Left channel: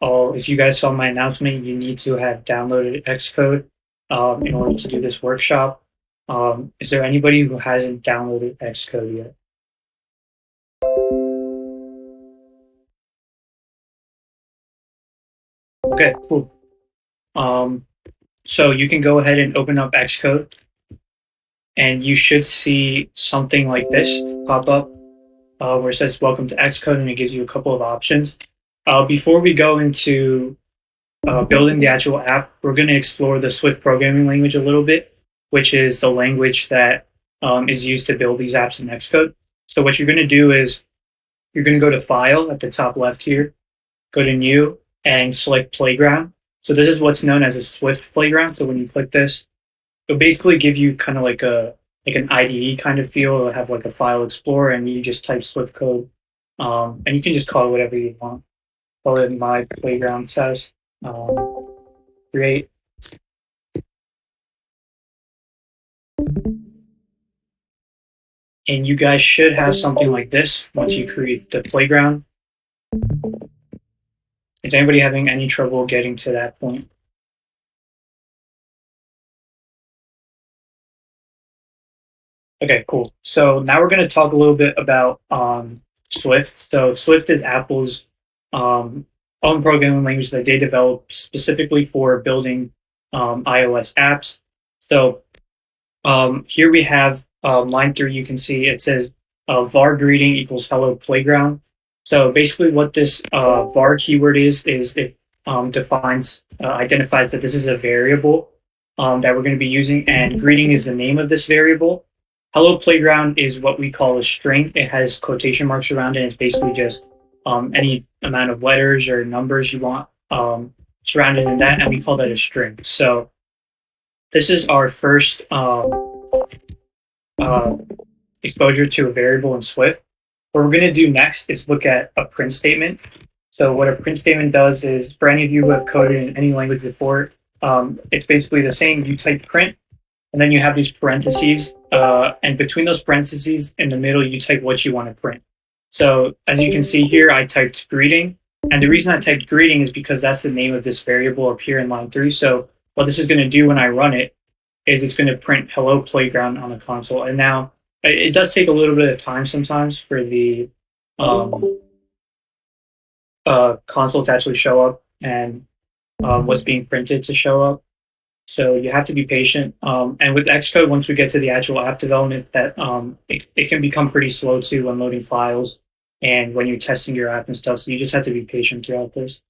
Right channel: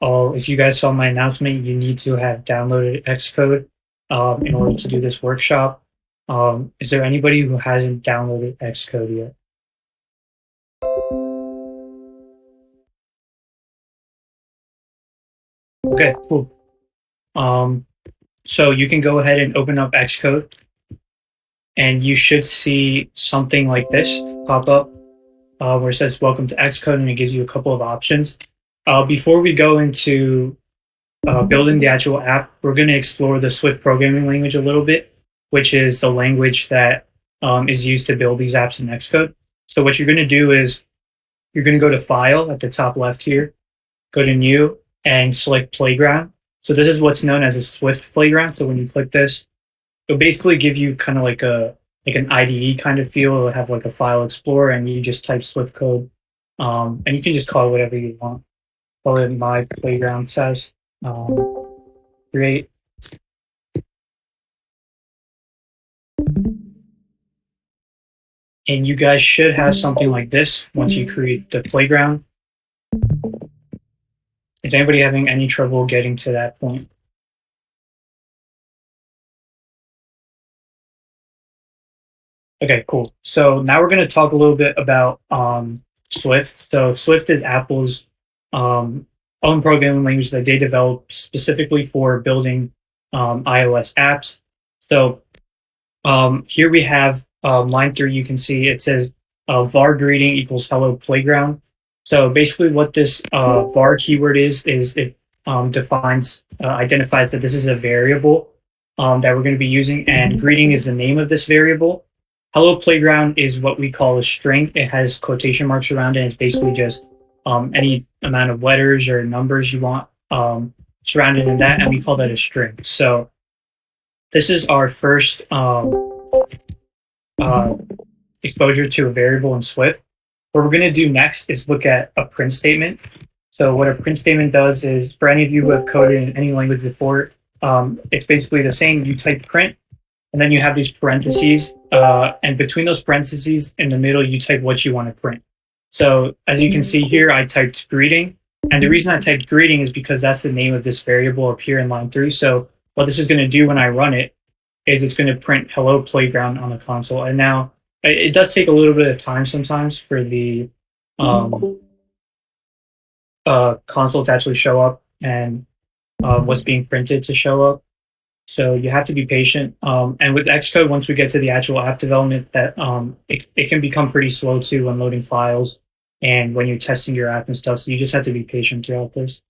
if you guys saw my announcement, you need to have downloaded Xcode in order to do this workshop. Is there anybody who hasn't downloaded Xcode yet? Okay, cool. Um, so you can go ahead and open up Xcode, and you should see something like this pop up where it says "Welcome to Xcode," and it gives you a couple of options. Before we go into building the actual app, we're going to explore the Swift programming language a little bit, which is the language that is used to build these apps in Xcode. So what you're going to do is you're going to go to File at the top left here, go to New, and select Playground. So this is what's known as a Swift playground. So when you click this, it'll basically give you kind of like an IDE kind of feel. It'll have like a file explorer, and you just type Swift code, and you can just call it whatever you want. Call it my playground test. Create. And you guys should have something like this once you create the playground. Is anybody having any trouble getting to that point? Okay, cool. So now we're going to talk a little bit about Swift. So Swift is Apple's um, own programming language that they developed specifically for building iOS apps. So here we have line 3. You can see it says var greeting equals hello playground. So basically what this var keyword is it identifies that this is a variable that we're going to be using, and greeting is the name of this variable. Hello playground is what we call a string. It has quotation marks around it. It's basically just any amount of letters or numbers you want surrounded in that, and we call that a string. So this is our first uh, exposure to a variable in Swift. What we're going to do next is look at a print statement. So what a print statement does is, for any of you who have coded in any language before, it's basically the same. You type print, and then you have these parentheses, and between those parentheses, in the middle, you type what you want to print. So as you can see here, I typed greeting, and the reason I typed greeting is because that's the name of this variable up here in line 3. So what this is going to do when I run it is it's going to print hello playground on the console. And now it does take a little bit of time sometimes for the um, console to actually show up and what's being printed to show up. So you have to be patient. And with Xcode, once we get to the actual app development, that it can become pretty slow too when loading files and when you're testing your app and stuff. So you just have to be patient throughout this.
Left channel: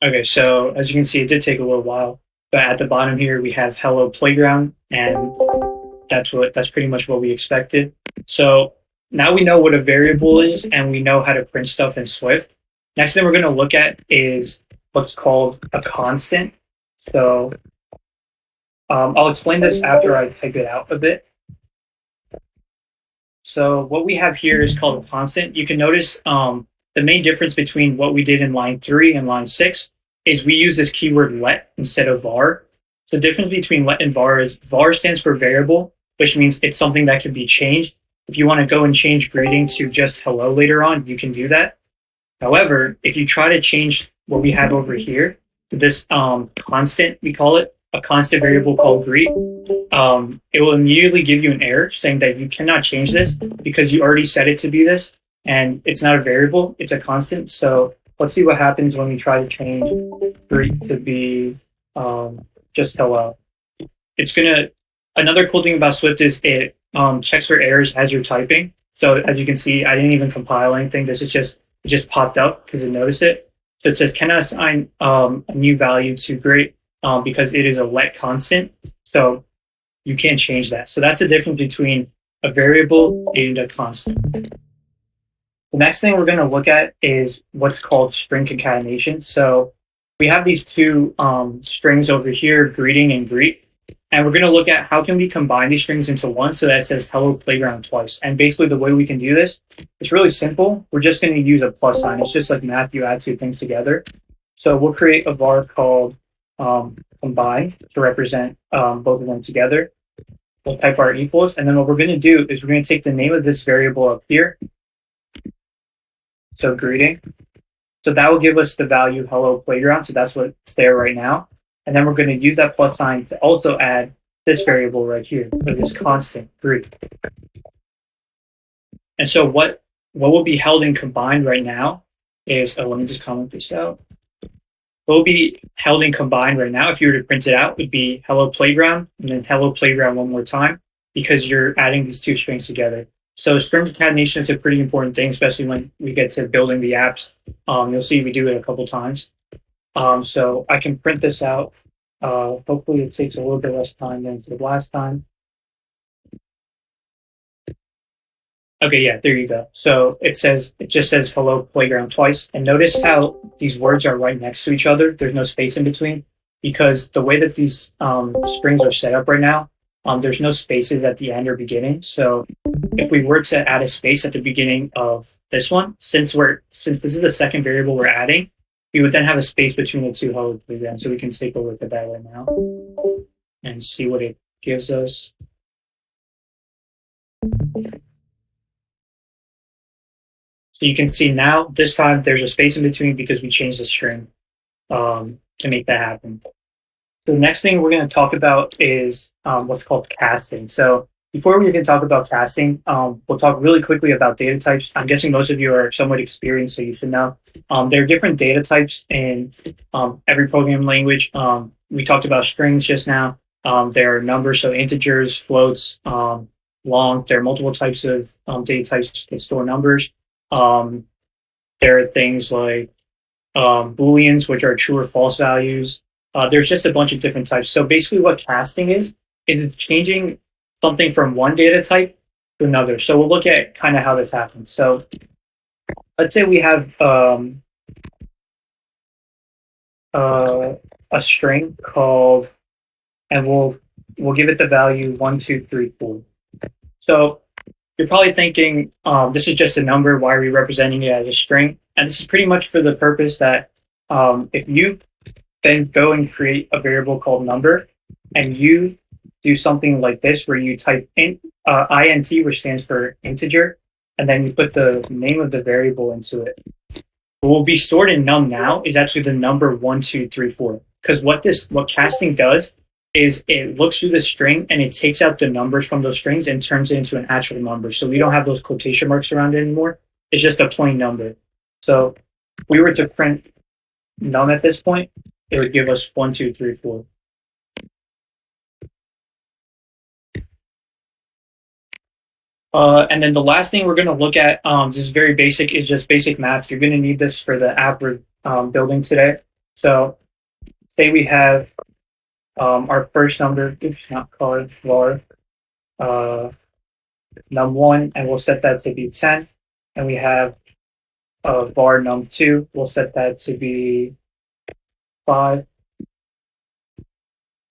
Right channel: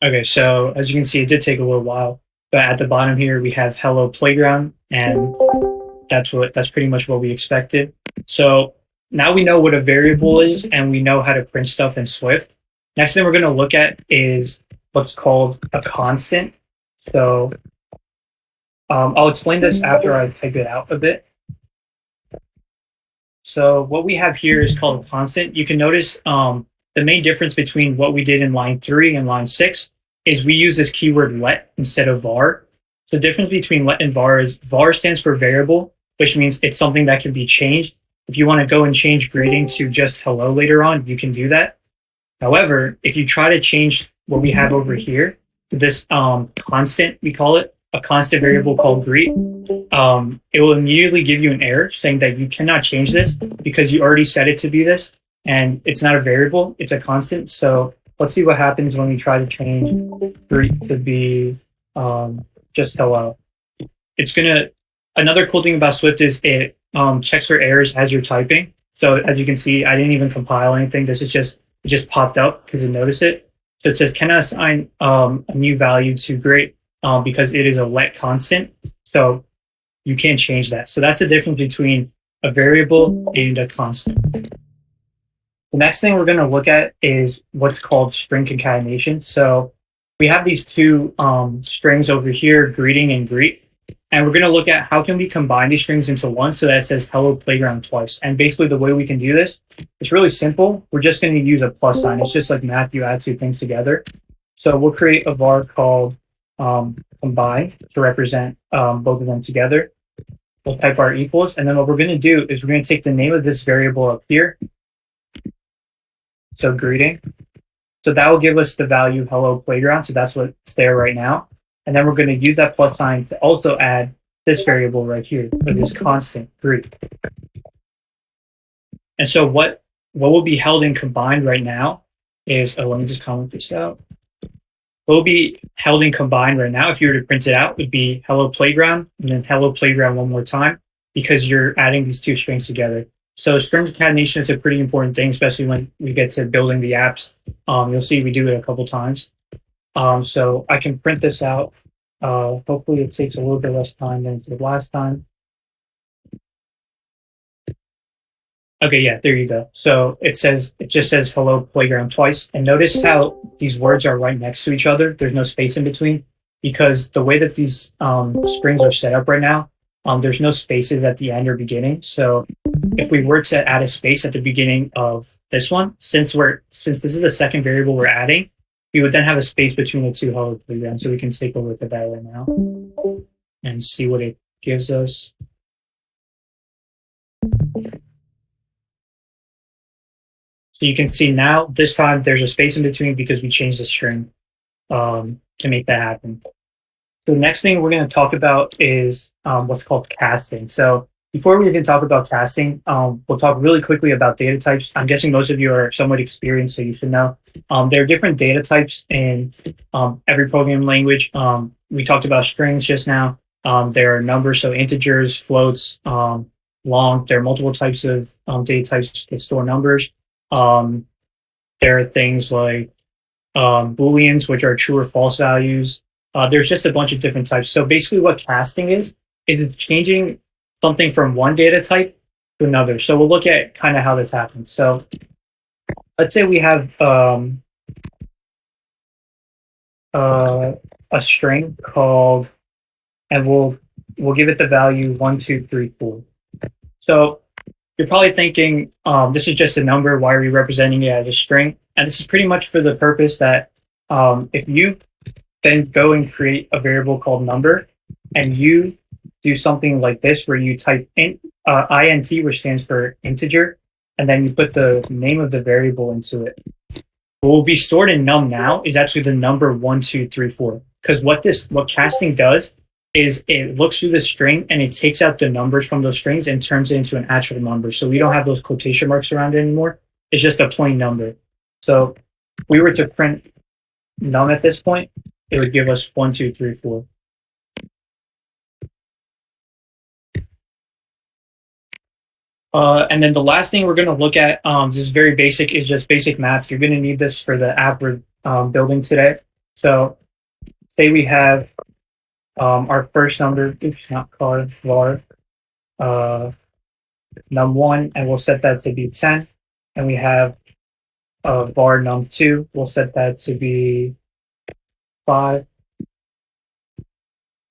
Okay, so as you can see, it did take a little while, but at the bottom here we have Hello Playground, and that's pretty much what we expected. So now we know what a variable is, and we know how to print stuff in Swift. Next thing we're going to look at is what's called a constant. So I'll explain this after I type it out a bit. So what we have here is called a constant. You can notice the main difference between what we did in line 3 and line 6 is we use this keyword let instead of var. The difference between let and var is var stands for variable, which means it's something that can be changed. If you want to go and change greeting to just hello later on, you can do that. However, if you try to change what we have over here to this constant, we call it a constant variable called greet, it will immediately give you an error saying that you cannot change this because you already set it to be this, and it's not a variable, it's a constant. So let's see what happens when we try to change greet to be just hello. It's gonna. Another cool thing about Swift is it checks for errors as you're typing. So as you can see, I didn't even compile anything. This is just it just popped up because it noticed it. So it says cannot assign a new value to greet because it is a let constant. So you can't change that. So that's the difference between a variable and a constant. The next thing we're going to look at is what's called string concatenation. So we have these two strings over here, greeting and greet. And we're going to look at how can we combine these strings into one so that it says hello playground twice. And basically the way we can do this, it's really simple. We're just going to use a plus sign. It's just like math, you add two things together. So we'll create a var called combine to represent both of them together. We'll type our equals, and then what we're going to do is we're going to take the name of this variable up here, so greeting. So that will give us the value hello playground, so that's what's there right now. And then we're going to use that plus sign to also add this variable right here, or this constant greet. And so what will be held in combined right now is, oh, let me just comment this out. What will be held in combined right now, if you were to print it out, would be hello playground and then hello playground one more time, because you're adding these two strings together. So string concatenation is a pretty important thing, especially when we get to building the apps. You'll see we do it a couple times. So I can print this out. Hopefully it takes a little bit less time than the last time. Okay, yeah, there you go. So it just says hello playground twice. And notice how these words are right next to each other. There's no space in between, because the way that these strings are set up right now, there's no spaces at the end or beginning. So if we were to add a space at the beginning of this one, since this is the second variable we're adding, we would then have a space between the two hello playground. So we can take a look at that right now and see what it gives us. So you can see now, this time there's a space in between because we changed the string to make that happen. The next thing we're going to talk about is what's called casting. So before we even talk about casting, we'll talk really quickly about data types. I'm guessing most of you are somewhat experienced, so you should know. There are different data types in every programming language. We talked about strings just now. There are numbers, so integers, floats, long. There are multiple types of data types that store numbers. There are things like Booleans, which are true or false values. There's just a bunch of different types. So basically what casting is it's changing something from one data type to another. So we'll look at kind of how this happens. So let's say we have a string called, and we'll give it the value 1, 2, 3, 4. So you're probably thinking, this is just a number. Why are we representing it as a string? And this is pretty much for the purpose that if you then go and create a variable called number, and you do something like this where you type int, int, which stands for integer, and then you put the name of the variable into it. What will be stored in num now is actually the number 1, 2, 3, 4. Because what casting does is it looks through the string and it takes out the numbers from those strings and turns it into an actual number. So we don't have those quotation marks around it anymore. It's just a plain number. So if we were to print num at this point, it would give us 1, 2, 3, 4. And then the last thing we're going to look at, this is very basic, is just basic math. You're going to need this for the app we're building today. So say we have our first number, oops, not called var, num1, and we'll set that to be 10. And we have var num2, we'll set that to be 5.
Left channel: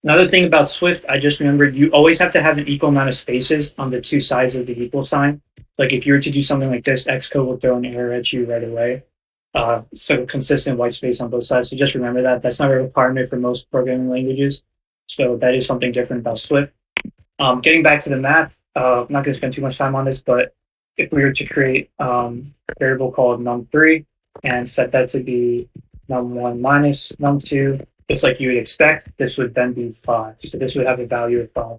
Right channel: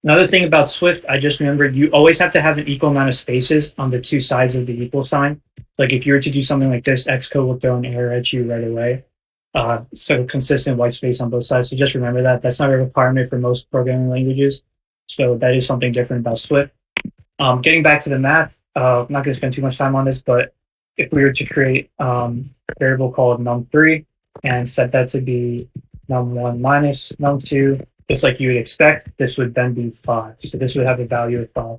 Another thing about Swift, I just remembered, you always have to have an equal amount of spaces on the two sides of the equal sign. Like if you were to do something like this, Xcode will throw an error at you right away. So consistent white space on both sides. So just remember that. That's not a requirement for most programming languages. So that is something different about Swift. Getting back to the math, I'm not going to spend too much time on this, but if we were to create a variable called num3 and set that to be num1 minus num2, just like you would expect, this would then be 5. So this would have a value of 5.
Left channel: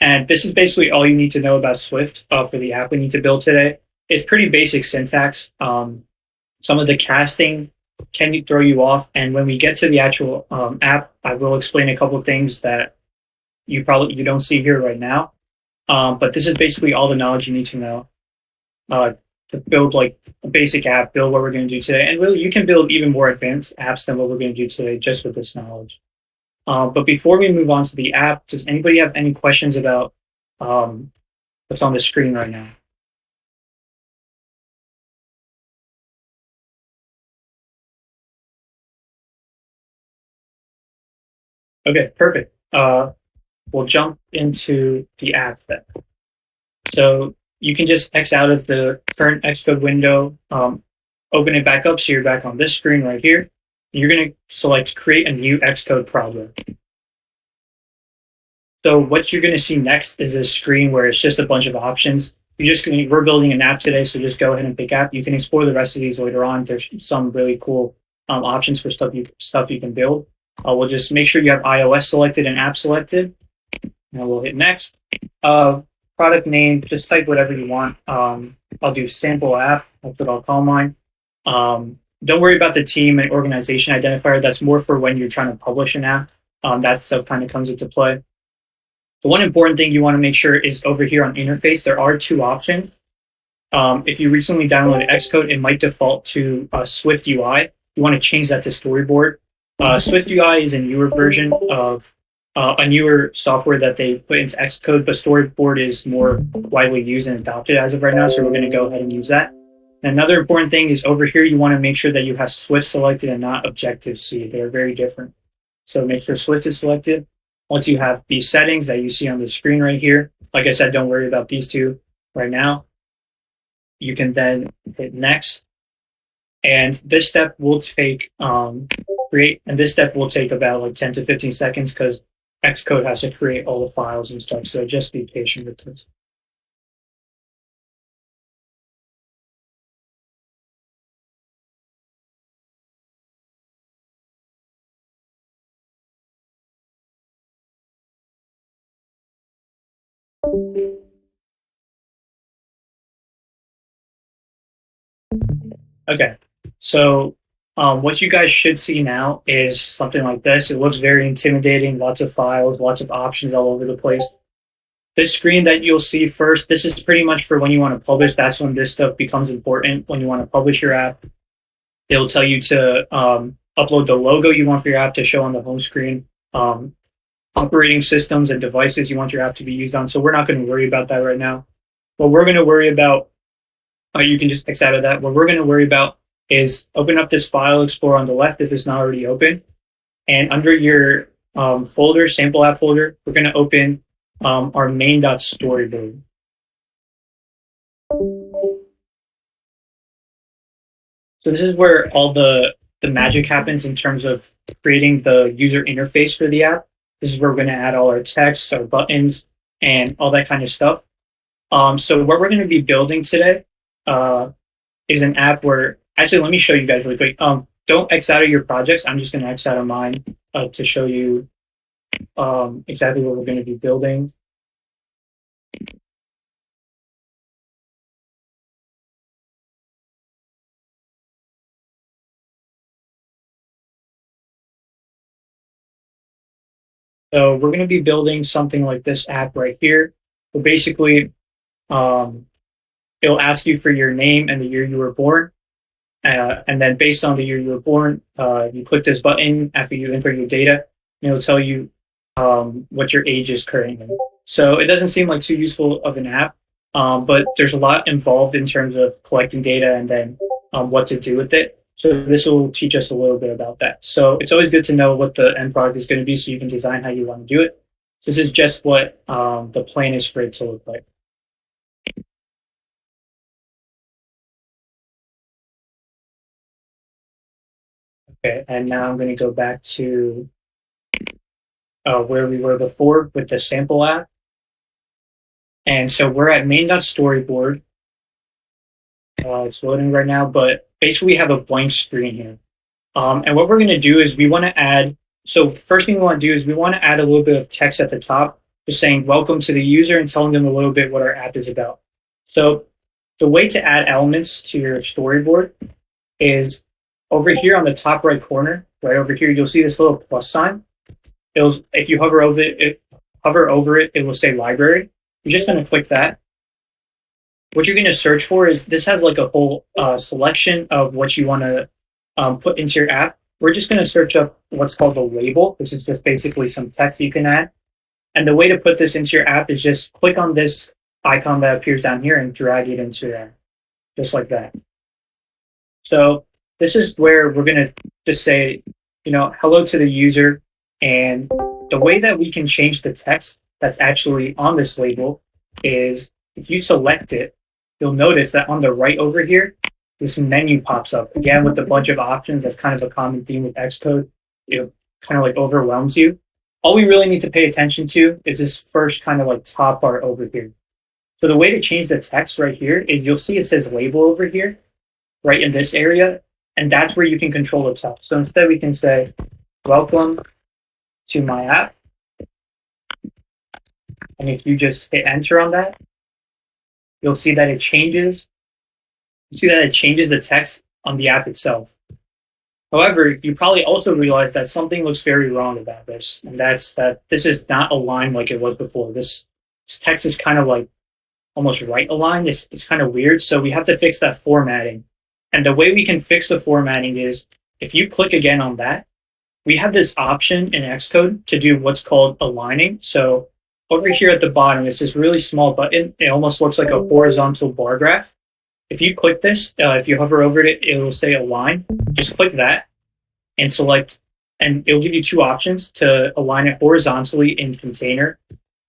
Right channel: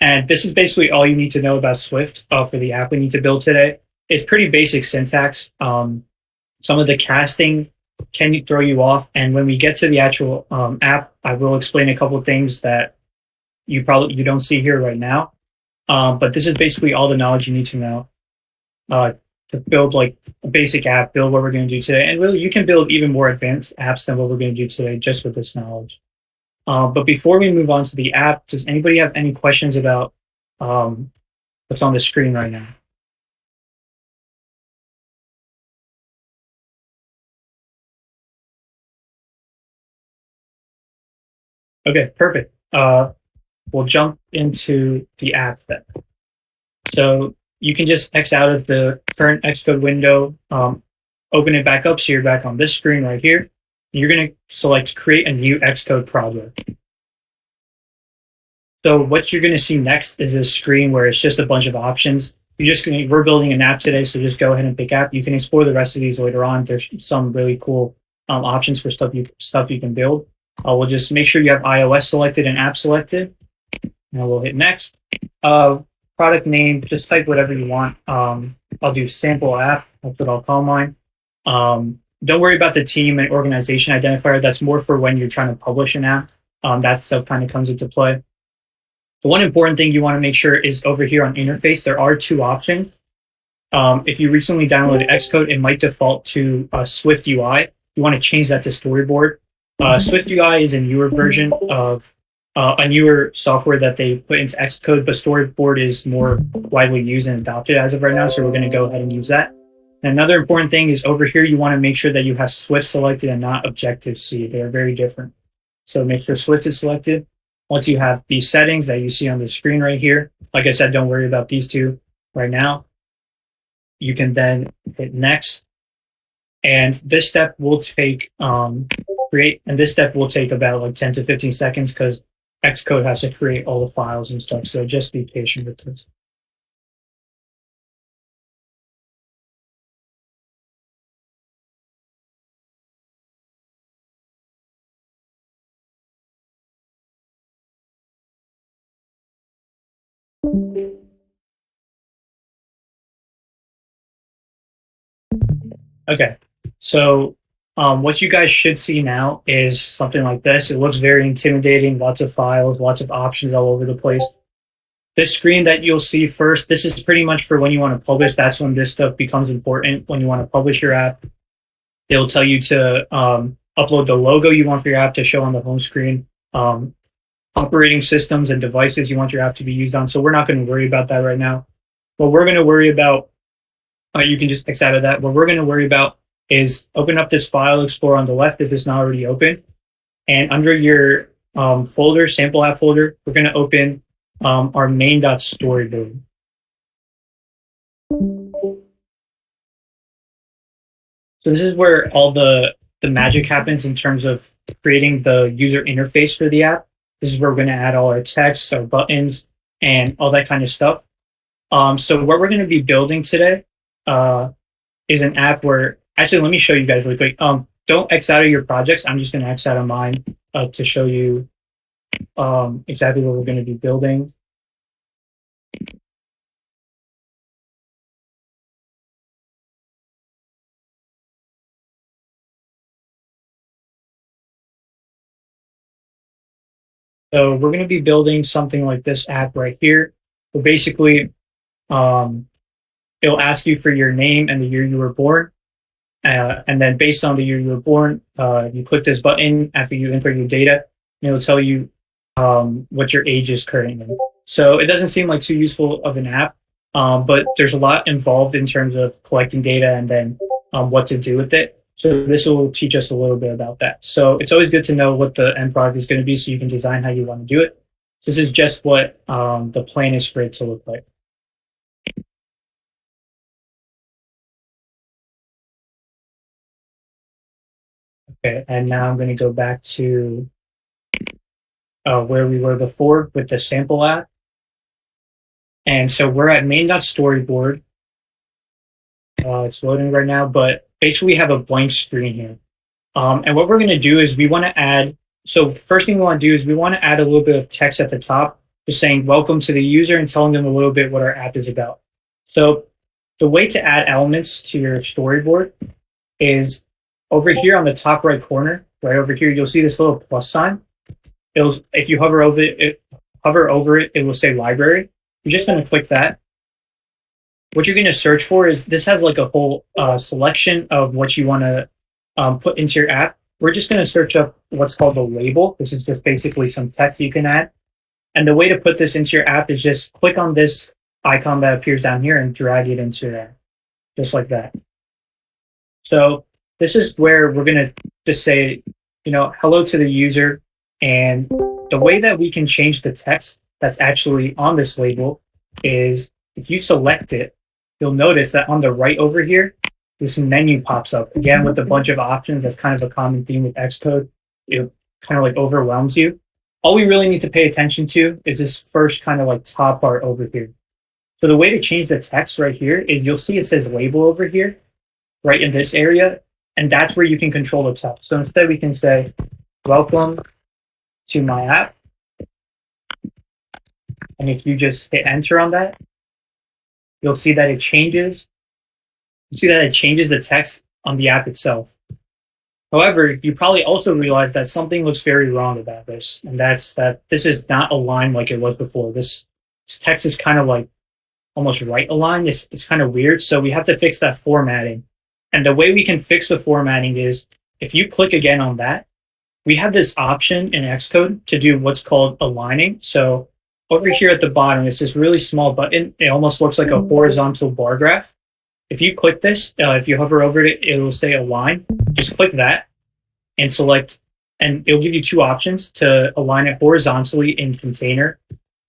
And this is basically all you need to know about Swift for the app we need to build today. It's pretty basic syntax. Some of the casting can throw you off. And when we get to the actual app, I will explain a couple of things that you don't see here right now. But this is basically all the knowledge you need to know to build like a basic app, build what we're going to do today. And really, you can build even more advanced apps than what we're going to do today just with this knowledge. But before we move on to the app, does anybody have any questions about what's on the screen right now? Okay, perfect. We'll jump into the app then. So you can just X out of the current Xcode window, open it back up so you're back on this screen right here. You're going to select create a new Xcode project. So what you're going to see next is a screen where it's just a bunch of options. We're building an app today, so just go ahead and pick app. You can explore the rest of these later on. There's some really cool options for stuff you can build. We'll just make sure you have iOS selected and app selected, and we'll hit next. Product name, just type whatever you want. I'll do sample app. That's what I'll call mine. Don't worry about the team and organization identifier. That's more for when you're trying to publish an app. That stuff kind of comes into play. The one important thing you want to make sure is over here on interface, there are two options. If you recently downloaded Xcode, it might default to Swift UI. You want to change that to Storyboard. Swift UI is a newer version of a newer software that they put into Xcode, but Storyboard is more widely used and adopted as of right now, so we're going to go ahead and use that. And another important thing is over here, you want to make sure that you have Swift selected and not Objective-C. They're very different. So make sure Swift is selected. Once you have these settings that you see on the screen right here, like I said, don't worry about these two right now. You can then hit next. And this step will take about like 10 to 15 seconds because Xcode has to create all the files and stuff. So just be patient with this. Okay, so what you guys should see now is something like this. It looks very intimidating, lots of files, lots of options all over the place. This screen that you'll see first, this is pretty much for when you want to publish. That's when this stuff becomes important. When you want to publish your app, it'll tell you to upload the logo you want for your app to show on the home screen, operating systems and devices you want your app to be used on. So we're not going to worry about that right now. What we're going to worry about, you can just X out of that. What we're going to worry about is open up this file explorer on the left if it's not already open. And under your folder, sample app folder, we're going to open our main.storyboard. So this is where all the magic happens in terms of creating the user interface for the app. This is where we're going to add all our text, our buttons, and all that kind of stuff. So what we're going to be building today is an app where, actually, let me show you guys really quick. Don't X out of your projects. I'm just going to X out of mine to show you exactly what we're going to be building. So we're going to be building something like this app right here. So basically, it'll ask you for your name and the year you were born. And then based on the year you were born, you click this button after you enter your data, and it'll tell you what your age is currently. So it doesn't seem like too useful of an app, but there's a lot involved in terms of collecting data and then what to do with it. So this will teach us a little bit about that. So it's always good to know what the end product is going to be so you can design how you want to do it. This is just what the plan is for it to look like. Okay, and now I'm going to go back to where we were before with the sample app. And so we're at main.storyboard. It's loading right now, but basically we have a blank screen here. And what we're going to do is we want to add, so first thing we want to do is we want to add a little bit of text at the top, just saying welcome to the user and telling them a little bit what our app is about. So the way to add elements to your storyboard is over here on the top right corner, right over here, you'll see this little plus sign. If you hover over it, it will say library. You're just going to click that. What you're going to search for is, this has like a whole selection of what you want to put into your app. We're just going to search up what's called a label. This is just basically some text you can add. And the way to put this into your app is just click on this icon that appears down here and drag it into there, just like that. So this is where we're going to just say, hello to the user. And the way that we can change the text that's actually on this label is if you select it, you'll notice that on the right over here, this menu pops up again with a bunch of options. That's kind of a common theme with Xcode. It kind of like overwhelms you. all we really need to pay attention to is this first kind of like top part over here. So the way to change the text right here is you'll see it says label over here, right in this area, and that's where you can control the text. So instead we can say, welcome to my app. And if you just hit enter on that, you'll see that it changes. You see that it changes the text on the app itself. However, you probably also realize that something looks very wrong about this, and that's that this is not aligned like it was before. This text is kind of like almost right aligned. It's kind of weird, so we have to fix that formatting. And the way we can fix the formatting is if you click again on that, we have this option in Xcode to do what's called aligning. So over here at the bottom, it's this really small button. It almost looks like a horizontal bar graph. If you click this, if you hover over it, it will say align. Just click that and select, and it'll give you two options to align it horizontally in container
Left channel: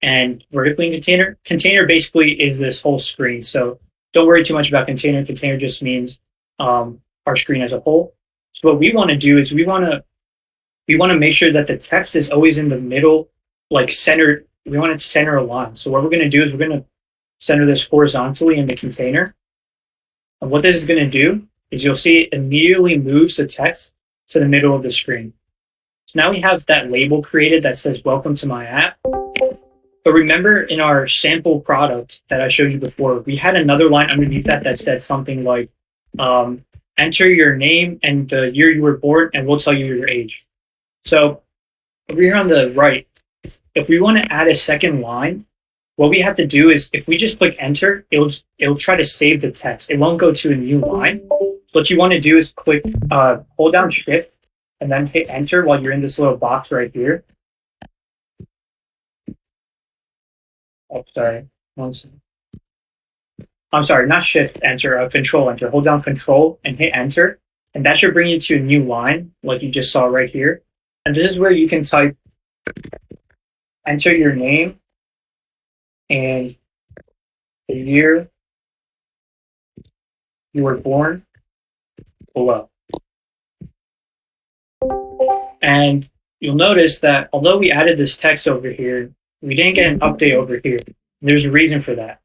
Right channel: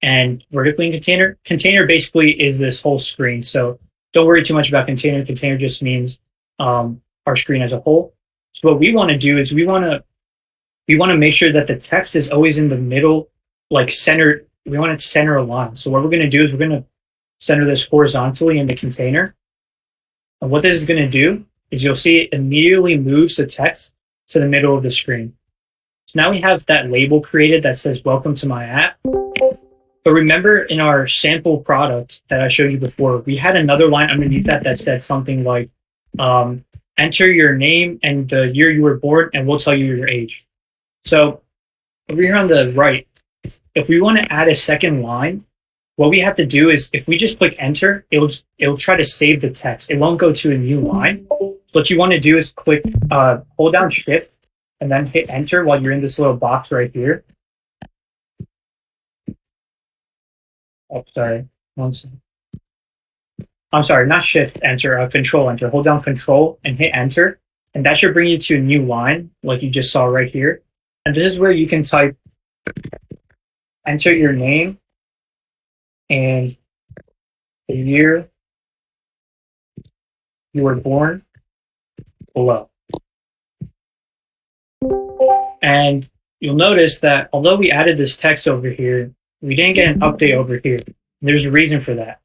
and vertically in container. Container basically is this whole screen. So don't worry too much about container. Container just means our screen as a whole. So what we want to do is we want to make sure that the text is always in the middle, like centered. We want it center aligned. So what we're going to do is we're going to center this horizontally in the container. And what this is going to do is you'll see it immediately moves the text to the middle of the screen. So now we have that label created that says welcome to my app. But remember in our sample product that I showed you before, we had another line underneath that said something like enter your name and the year you were born and we'll tell you your age. So over here on the right, if we want to add a second line, what we have to do is if we just click enter, it'll try to save the text. It won't go to a new line. So what you want to do is click, hold down shift and then hit enter while you're in this little box right here. Oh, sorry. One second. I'm sorry, not shift enter, control enter. Hold down control and hit enter. And that should bring you to a new line like you just saw right here. And this is where you can type, enter your name and the year you were born below. And you'll notice that although we added this text over here, we didn't get an update over here. There's a reason for that.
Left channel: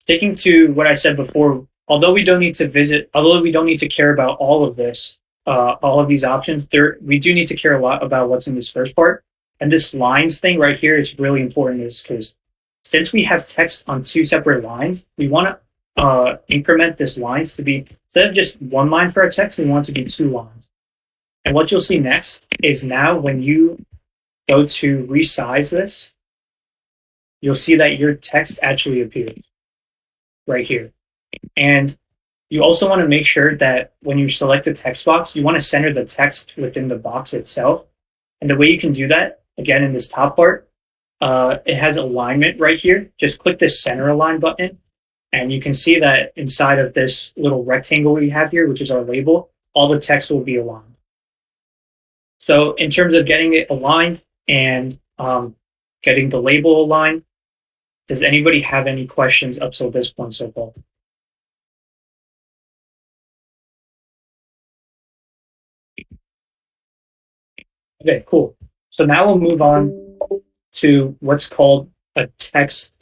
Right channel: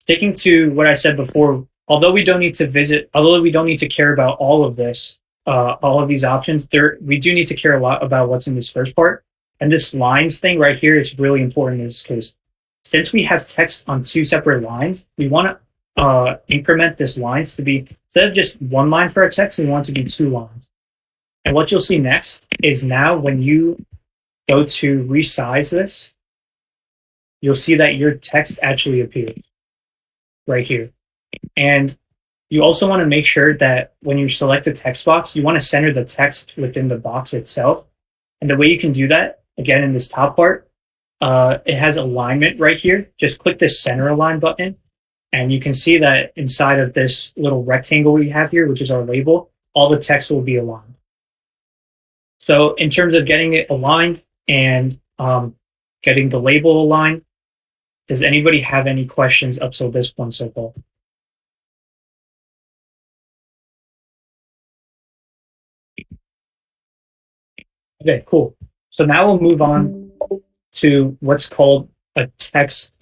Sticking to what I said before, although we don't need to care about all of this, all of these options, we do need to care a lot about what's in this first part. And this lines thing right here is really important is because since we have text on two separate lines, we want to increment this lines to be, instead of just one line for our text, we want it to be two lines. And what you'll see next is now when you go to resize this, you'll see that your text actually appears right here. And you also want to make sure that when you select the text box, you want to center the text within the box itself. And the way you can do that, again, in this top part, it has alignment right here. Just click this center align button. And you can see that inside of this little rectangle we have here, which is our label, all the text will be aligned. So in terms of getting it aligned and getting the label aligned, does anybody have any questions up till this point so far? Okay, cool. So now we'll move on to what's called a text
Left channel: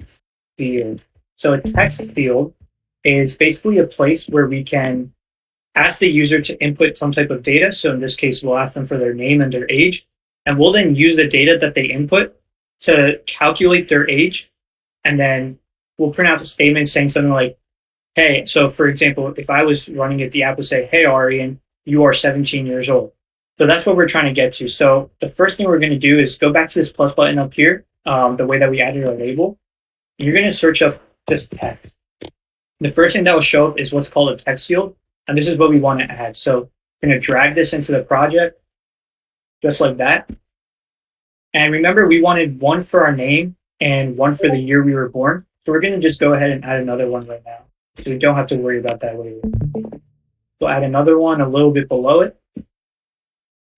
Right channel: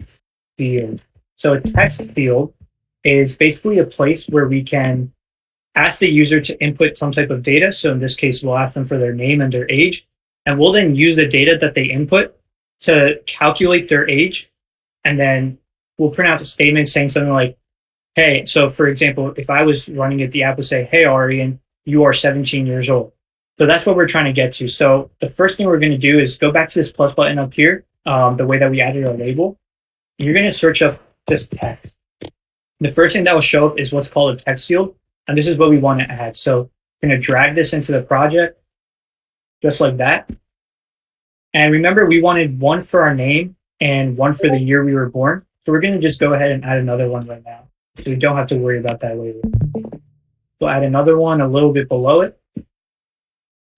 field. So a text field is basically a place where we can ask the user to input some type of data. So in this case, we'll ask them for their name and their age, and we'll then use the data that they input to calculate their age. And then we'll print out a statement saying something like, hey, so for example, if I was running it, the app would say, hey, Aryan, you are 17 years old. So that's what we're trying to get to. So the first thing we're going to do is go back to this plus button up here, the way that we added our label. You're going to search up this text. The first thing that will show up is what's called a text field. And this is what we want to add. So we're going to drag this into the project just like that. And remember, we wanted one for our name and one for the year we were born. So we're going to just go ahead and add another one right now. So we don't have to worry about that later. We'll add another one a little bit below it.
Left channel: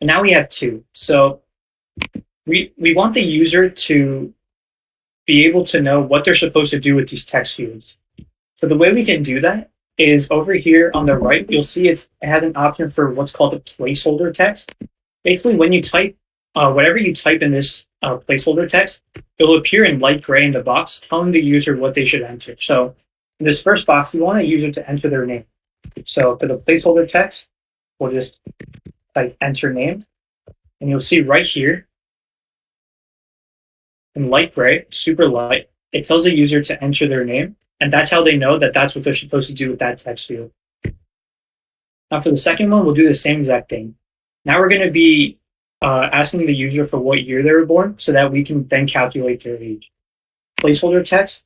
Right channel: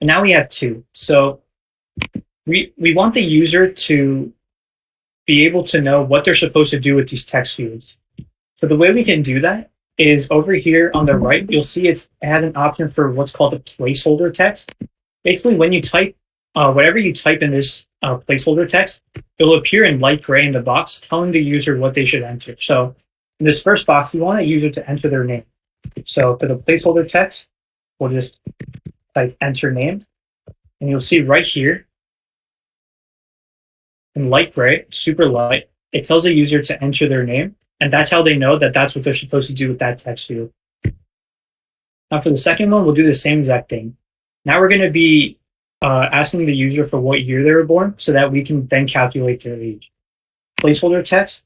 And now we have two. So we want the user to be able to know what they're supposed to do with these text fields. So the way we can do that is over here on the right, you'll see it has an option for what's called a placeholder text. Basically, when you type whatever you type in this placeholder text, it'll appear in light gray in the box telling the user what they should enter. So in this first box, we want a user to enter their name. So for the placeholder text, we'll just type enter name. And you'll see right here in light gray, super light, it tells the user to enter their name. And that's how they know that that's what they're supposed to do with that text field. Now for the second one, we'll do the same exact thing. Now we're going to be asking the user for what year they were born so that we can then calculate their age. Placeholder text,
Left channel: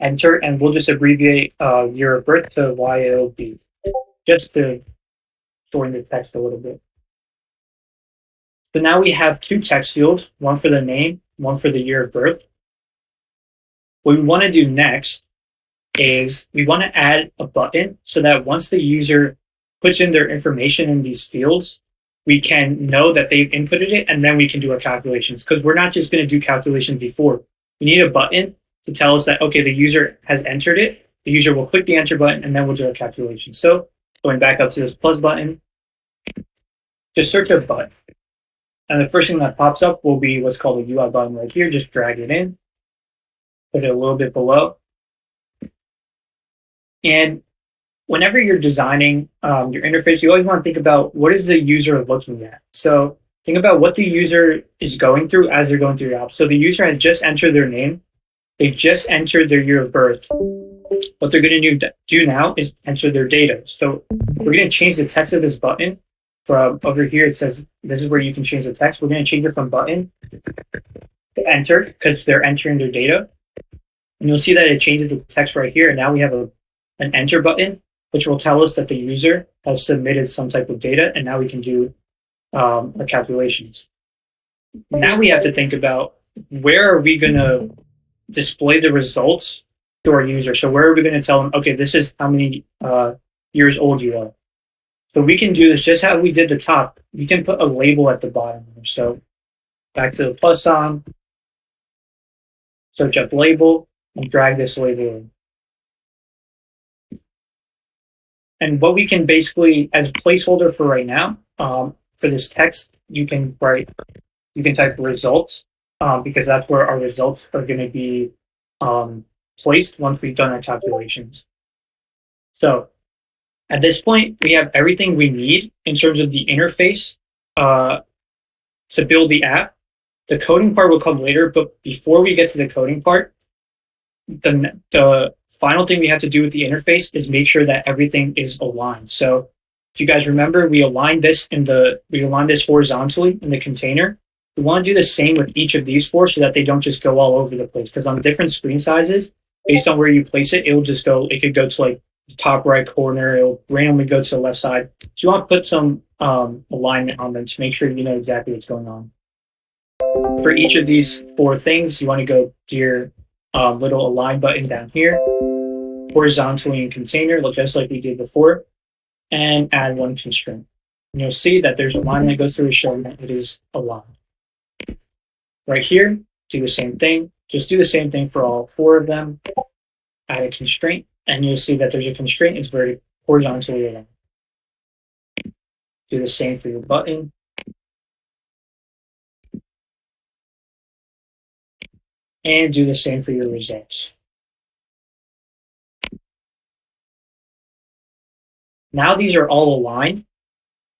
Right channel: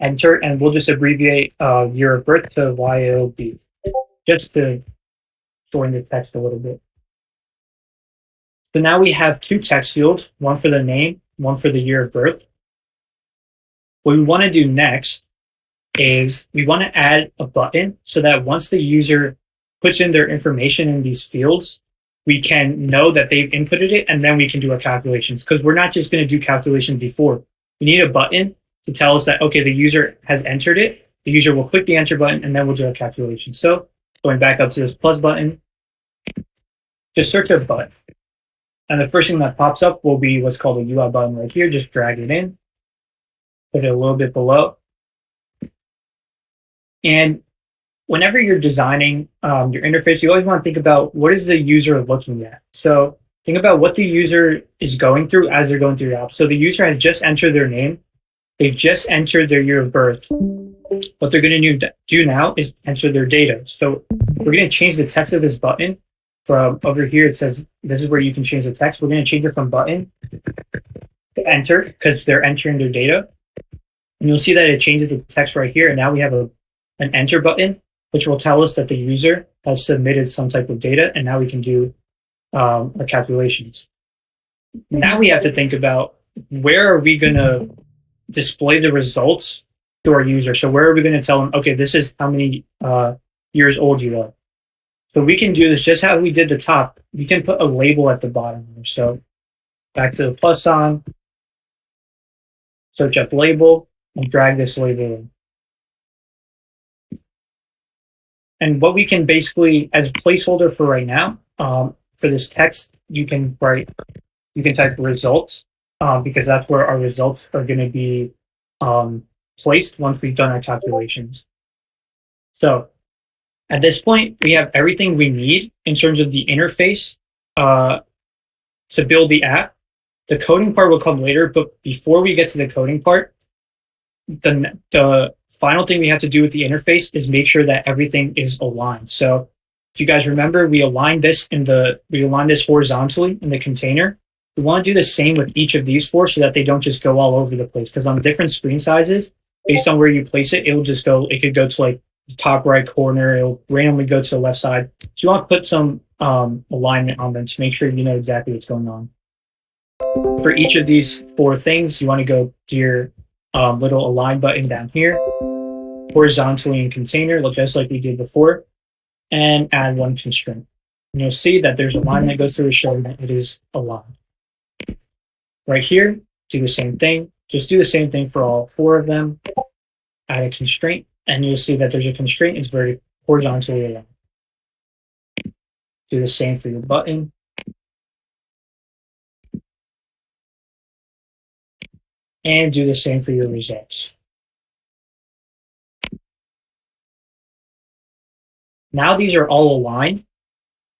enter, and we'll just abbreviate year of birth to YOB, just to shorten the text a little bit. So now we have two text fields, one for the name, one for the year of birth. What we want to do next is we want to add a button so that once the user puts in their information in these fields, we can know that they've inputted it, and then we can do our calculations, because we're not just going to do calculations before. We need a button to tell us that, okay, the user has entered it. The user will click the enter button, and then we'll do our calculation. So going back up to this plus button, just search a button. And the first thing that pops up will be what's called a UI button right here. Just drag it in, put it a little bit below. And whenever you're designing your interface, you always want to think about what is the user looking at. So think about what the user is going through as they're going through your app. So the user has just entered their name. They've just entered their year of birth. What they're going to do now is enter their data. So we're going to change the text of this button from over here. It says this is where you can change the text. We're going to change it from button to enter because they're entering their data. And you'll see that it changes the text right here. And now we have an enter button, which will tell us that the user has submitted some type of data, and now we can do our calculations. Now we have to think about where are we going to display the results to our user. So where are we going to tell them, okay, this is how many years old you are. So we can do this just how we did the top. We can put a label at the bottom. So back to the plus sign, search up label, and drag this label in. And what we can basically, as a placeholder for right now, for this text, you can type results, because that's where our results are going to be placed once we've done our calculations. So at this point, we have everything we need in terms of the interface to build the app. The coding part will come later, but before we get to the coding part, the final thing we have to do with the interface is make sure that everything is aligned. So if you guys remember, we aligned this horizontally in the container. We want to do the same with each of these four so that they don't just go all over the place. Because on different screen sizes, based on where you place it, it could go to like the top right corner, it'll randomly go to the left side. So you want to put some alignment on them to make sure you know exactly what's going on. For each of these four things, you want to go to your little align button down here, horizontally in container, just like we did before, and add one constraint. And you'll see that there's a line that goes through it showing that it is aligned. Right here, do the same thing. Just do the same thing for all four of them. Add a constraint, and you'll see that there's a constraint. It's horizontally aligned. Do the same for your button. And do the same for your results. Now these are all aligned,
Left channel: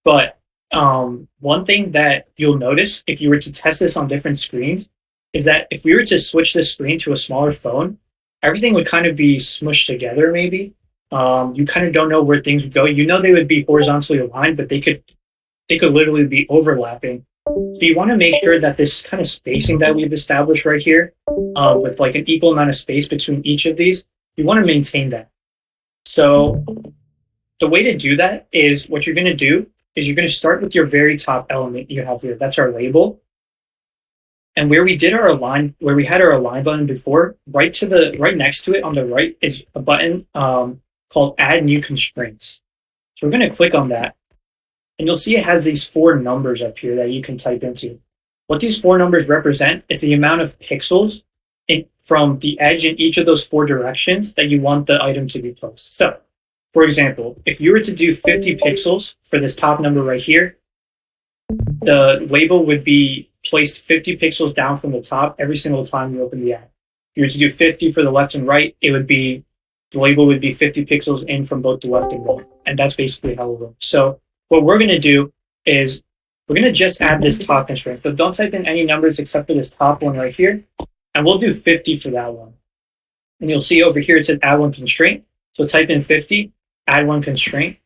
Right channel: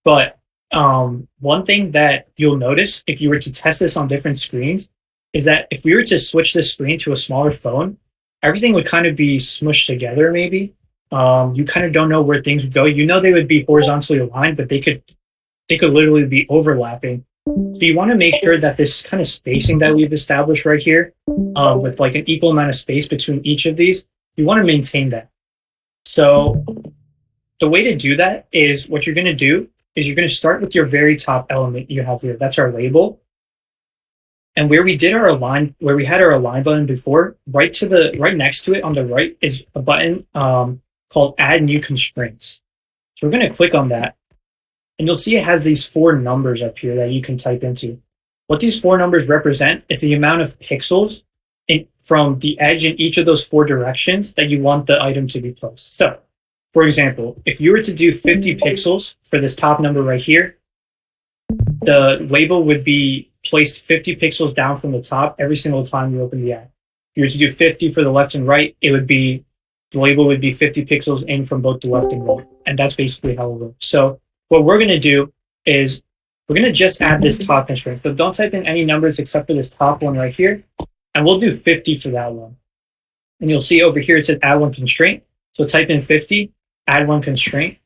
but one thing that you'll notice if you were to test this on different screens is that if we were to switch the screen to a smaller phone, everything would kind of be smushed together maybe. You kind of don't know where things would go. You know they would be horizontally aligned, but they could literally be overlapping. So you want to make sure that this kind of spacing that we've established right here, with like an equal amount of space between each of these, you want to maintain that. So the way to do that is what you're going to do is you're going to start with your very top element you have here. That's our label. And where we had our align button before, right next to it on the right is a button called Add New Constraints. So we're going to click on that. And you'll see it has these 4 numbers up here that you can type into. What these 4 numbers represent is the amount of pixels from the edge in each of those 4 directions that you want the item to be placed. So, for example, if you were to do 50 pixels for this top number right here, the label would be placed 50 pixels down from the top every single time you open the app. If you were to do 50 for the left and right, it would be the label would be 50 pixels in from both the left and right. And that's basically how it works. So what we're going to do is we're going to just add this top constraint. So don't type in any numbers except for this top one right here. And we'll do 50 for that one. And you'll see over here it says add one constraint. So type in 50, add one constraint.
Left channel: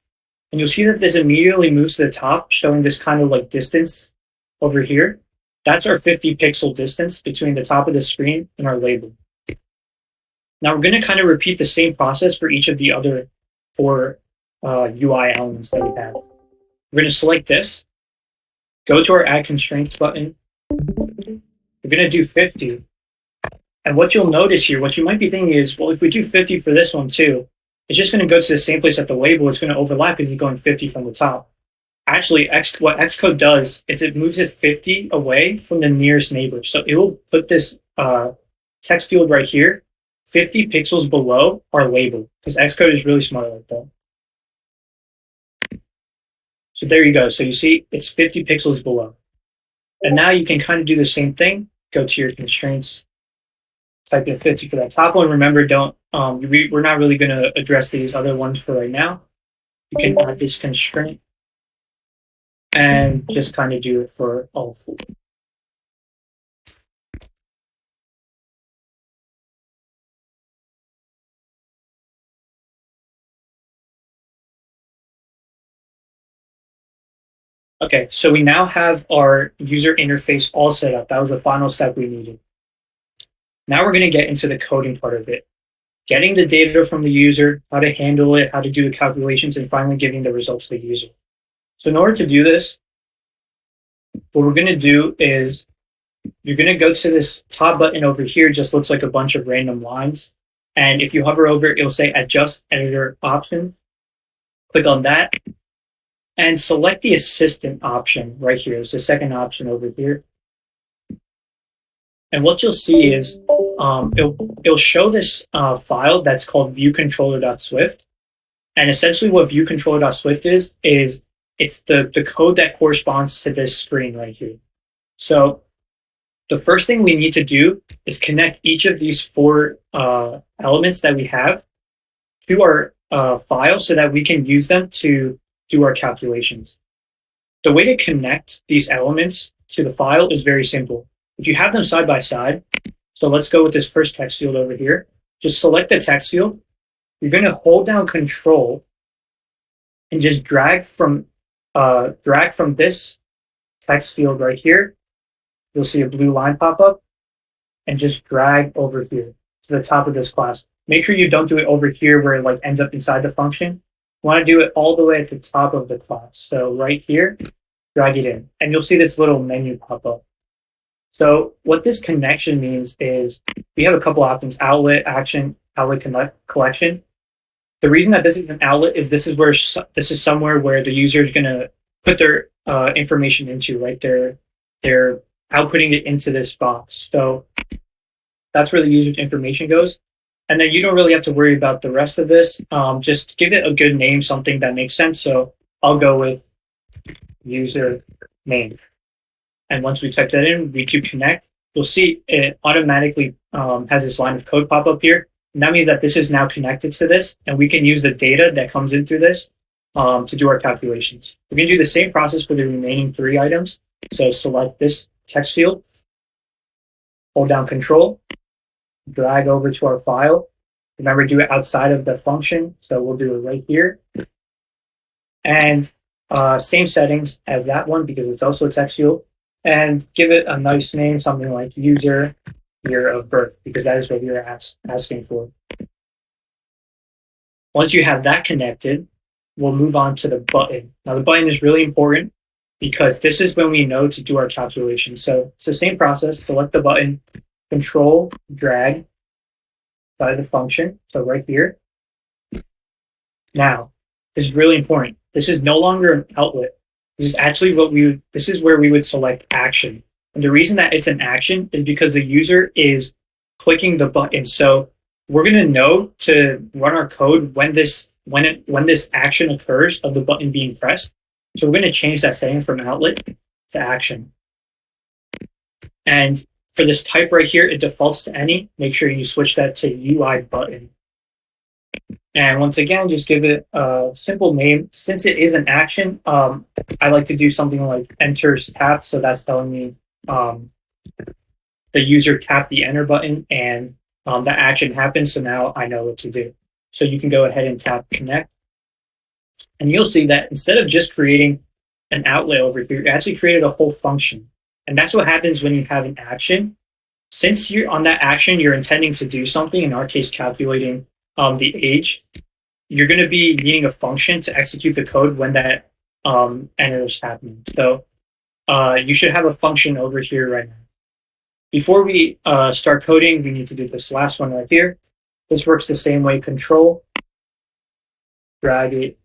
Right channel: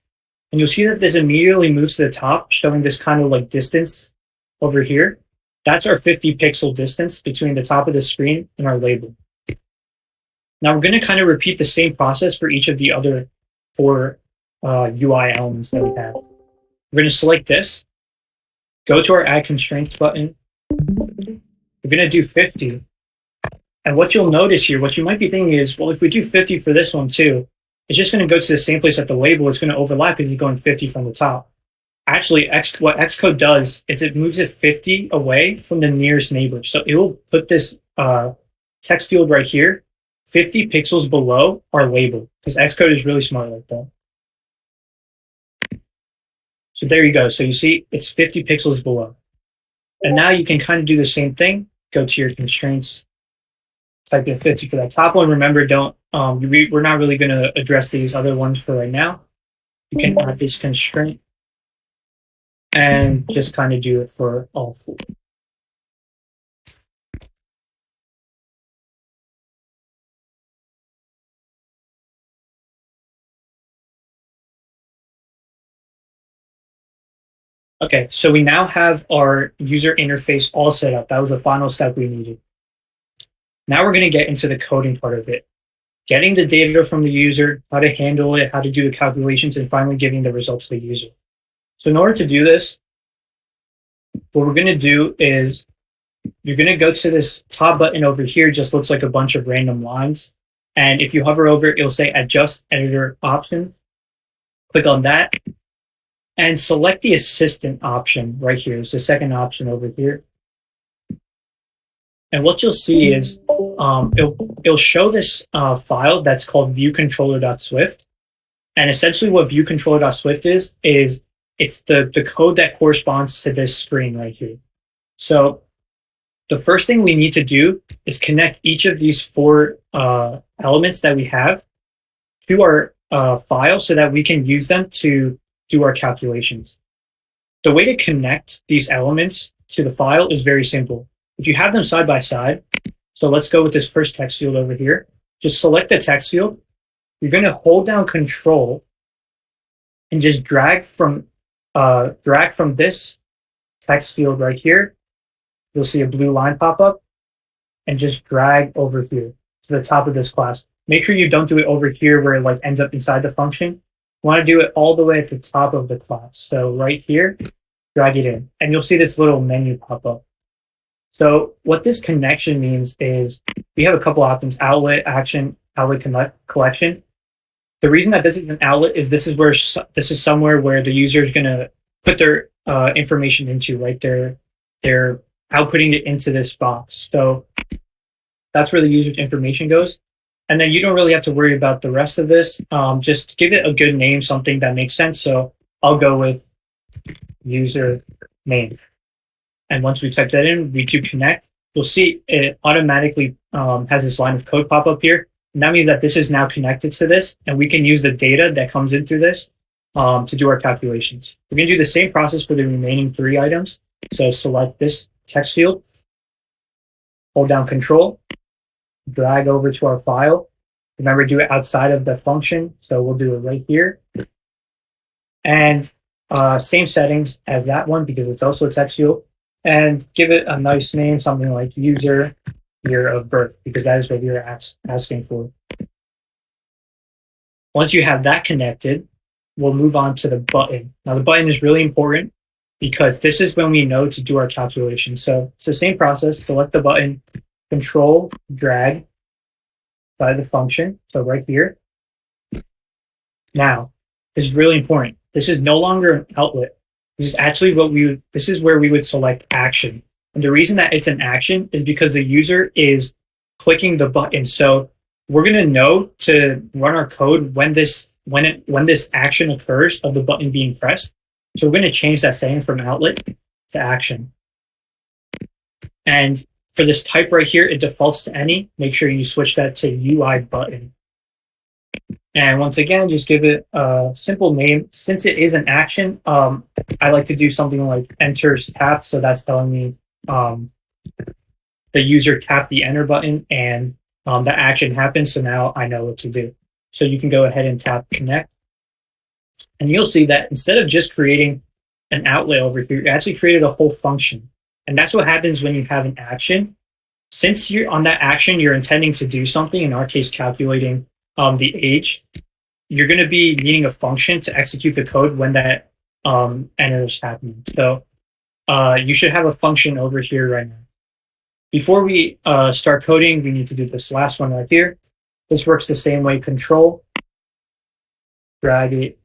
And you'll see that this immediately moves to the top, showing this kind of like distance over here. That's our 50 pixel distance between the top of the screen and our label. Now we're going to kind of repeat the same process for each of the other four UI elements that we have. We're going to select this, go to our Add Constraints button. We're going to do 50. And what you'll notice here, what you might be thinking is, well, if we do 50 for this one too, it's just going to go to the same place at the label. It's going to overlap because it's going 50 from the top. Actually, what Xcode does is it moves it 50 away from the nearest neighbor. So it will put this text field right here 50 pixels below our label, because Xcode is really smart like that. So there you go. So you see it's 50 pixels below. And now you can kind of do the same thing. Go to your constraints, type in 50 for that top one. Remember, we're not really going to address these other ones for right now. You can add this constraint and just kind of do it for all four. Okay, so we now have our user interface all set up. That was the final step we needed. Now we're going to get into the coding part of it. Getting the data from the user, how to handle it, how to do the calculations, and finally giving the results to the user. So in order to do this, what we're going to do is you're going to go to this top button over here. It just looks like a bunch of random lines. And if you hover over it, it'll say Adjust Editor Options. Click on that and select the Assistant option right here. It's the second option over here. And what you'll see is it'll show this file that's called viewcontroller.swift. And essentially what viewcontroller.swift is it's the code that corresponds to this screen right here. So the first thing we need to do is connect each of these four elements that we have to our file so that we can use them to do our calculations. The way to connect these elements to the file is very simple. If you have them side by side, so let's go with this first text field over here. Just select the text field. You're going to hold down Control and just drag from this text field right here. You'll see a blue line pop up, and just drag over here to the top of this class. Make sure you don't do it over here where it like ends up inside the function. You want to do it all the way at the top of the class. So right here, drag it in, and you'll see this little menu pop up. So what this connection means is we have a couple options: outlet, action, outlet collection. The reason that this is an outlet is this is somewhere where the user is going to put their information into, right? They're outputting it into this box. So that's where the user's information goes. And then you don't really have to worry about the rest of this. Just give it a good name, something that makes sense. So I'll go with user name. And once we type that in, we do connect. You'll see it automatically has this line of code pop up here. And that means that this is now connected to this, and we can use the data that comes in through this to do our calculations. We're going to do the same process for the remaining three items. So select this text field, hold down Control, drag over to our file. Remember, do it outside of the function. So we'll do it right here. And same settings as that one because it's also a text field. And give it a nice name, something like user year of birth, because that is what you're asking for. Once you have that connected, we'll move on to the button. Now the button is really important because this is when we know to do our calculation. So it's the same process. Select the button, Control, drag by the function. So right here. Now, this is really important. This is no longer an outlet. This is actually this is where we would select action. And the reason that it's an action is because the user is clicking the button. So we're going to know to run our code when this action occurs of the button being pressed. So we're going to change that setting from outlet to action. And for this type right here, it defaults to any. Make sure you switch that to UI button. And once again, just give it a simple name. Since it is an action, I like to do something like enters tap. So that's telling me the user tapped the enter button and the action happened. So now I know what to do. So you can go ahead and tap connect. And you'll see that instead of just creating an outlet over here, you actually created a whole function. And that's what happens when you have an action. Since you're on that action, you're intending to do something, in our case, calculating the age, you're going to be needing a function to execute the code when that enter is happening. So you should have a function over here right now. Before we start coding, we need to do this last one right here. This works the same way. Control, drag it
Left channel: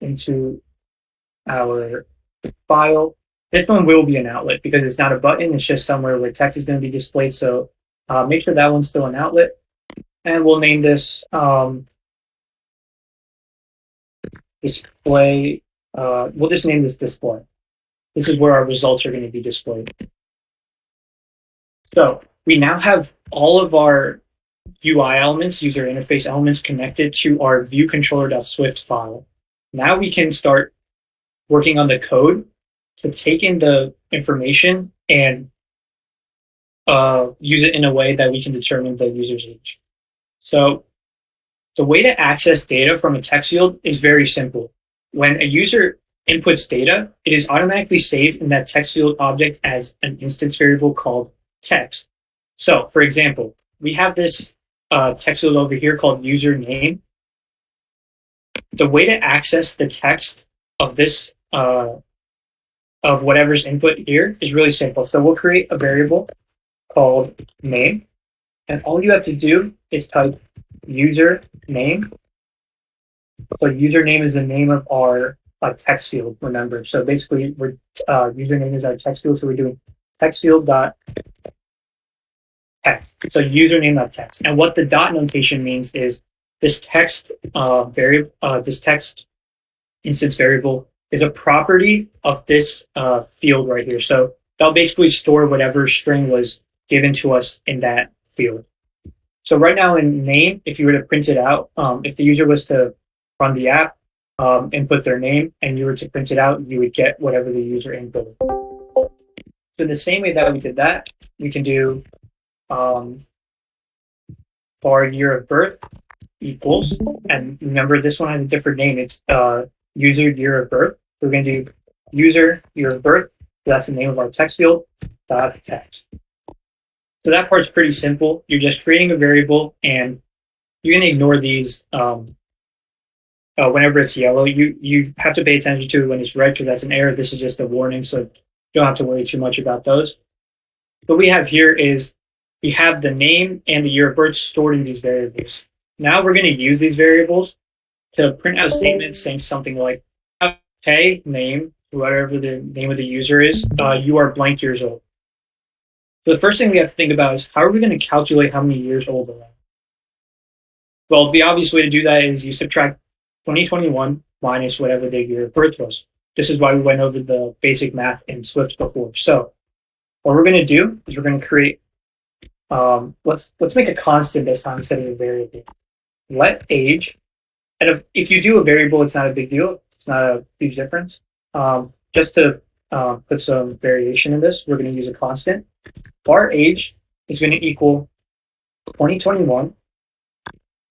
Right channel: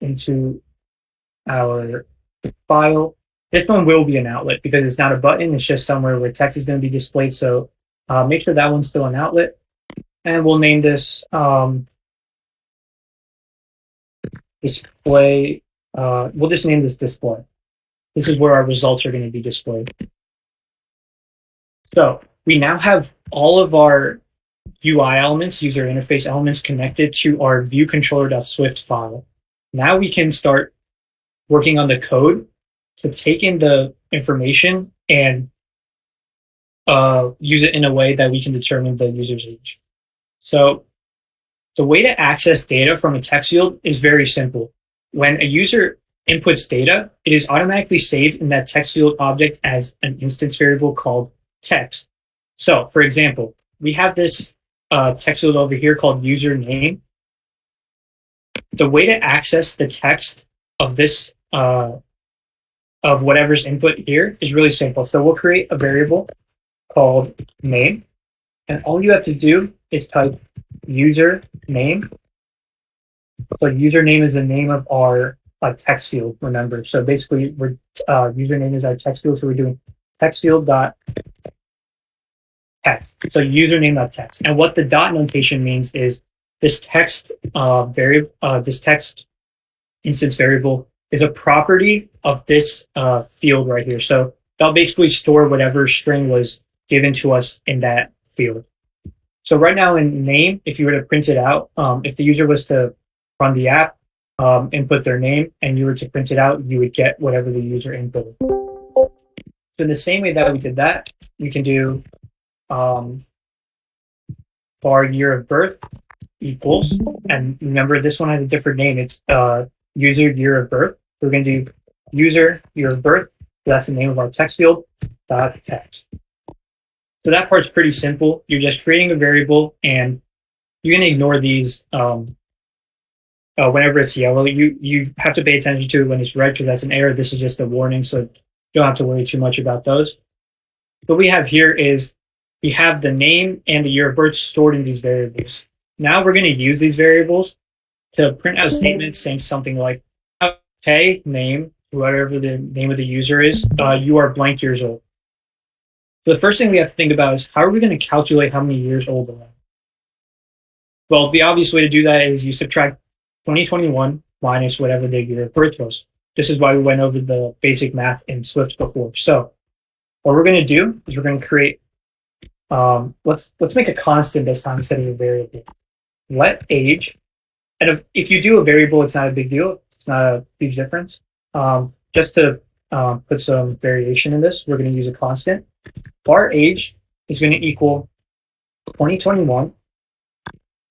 into our file. This one will be an outlet because it's not a button. It's just somewhere where text is going to be displayed. So make sure that one's still an outlet. And we'll name this display. We'll just name this display. This is where our results are going to be displayed. So we now have all of our UI elements, user interface elements, connected to our viewController.swift file. Now we can start working on the code to take in the information and use it in a way that we can determine the user's age. So the way to access data from a text field is very simple. When a user inputs data, it is automatically saved in that text field object as an instance variable called text. So for example, we have this text field over here called username. The way to access the text of this of whatever's input here is really simple. So we'll create a variable called name, and all you have to do is type username. So username is the name of our text field, remember. So basically, we're username is our text field, so we're doing text field dot text. So username dot text. And what the dot notation means is this text variable, this text instance variable is a property of this field right here. So that'll basically store whatever string was given to us in that field. So right now in name, if you were to print it out, if the user was to run the app, input their name, and you were to print it out, you would get whatever the user inputted. So in the same way that we did that, we can do bar year of birth equals, and remember this one has a different name. It's user year of birth. So we're going to do user year of birth. So that's the name of our text field, dot text. So that part's pretty simple. You're just creating a variable, and you're going to ignore these whenever it's yellow. You have to pay attention to it when it's red because that's an error. This is just a warning, so you don't have to worry too much about those. What we have here is we have the name and the year of birth stored in these variables. Now we're going to use these variables to print out statements saying something like, hey, name, whatever the name of the user is, you are blank years old. So the first thing we have to think about is how are we going to calculate how many years old they are? Well, the obvious way to do that is you subtract 2021 minus whatever the year of birth was. This is why we went over the basic math in Swift before. So what we're going to do is we're going to create, let's make a constant this time instead of a variable. Let age, and if you do a variable, it's not a big deal. It's not a huge difference. Just to put some variation in this, we're going to use a constant. Bar age is going to equal 2021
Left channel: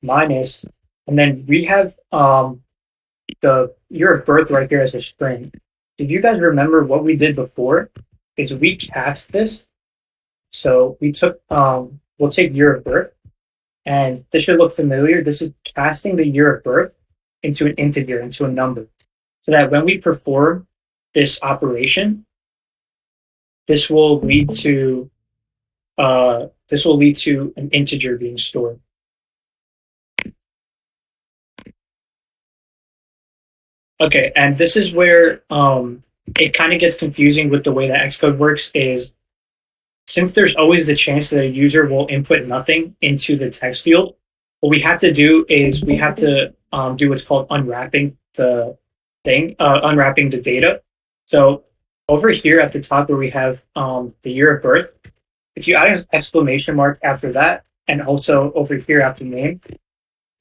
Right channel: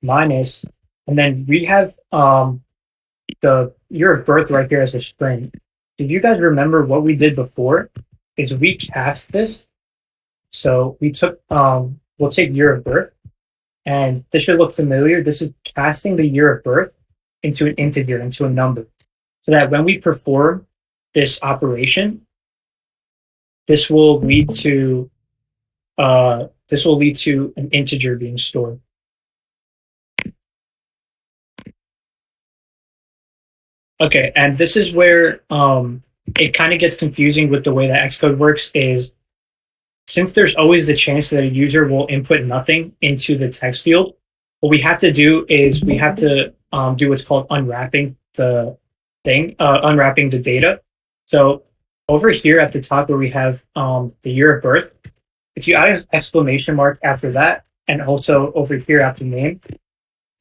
minus, and then we have the year of birth right here as a string. If you guys remember what we did before, is we cast this. So we took, we'll take year of birth, and this should look familiar. This is casting the year of birth into an integer, into a number, so that when we perform this operation, this will lead to an integer being stored. Okay, and this is where it kind of gets confusing with the way that Xcode works. Is since there's always the chance that a user will input nothing into the text field, what we have to do is we have to do what's called unwrapping the data. So over here at the top where we have the year of birth, if you add an exclamation mark after that, and also over here after name,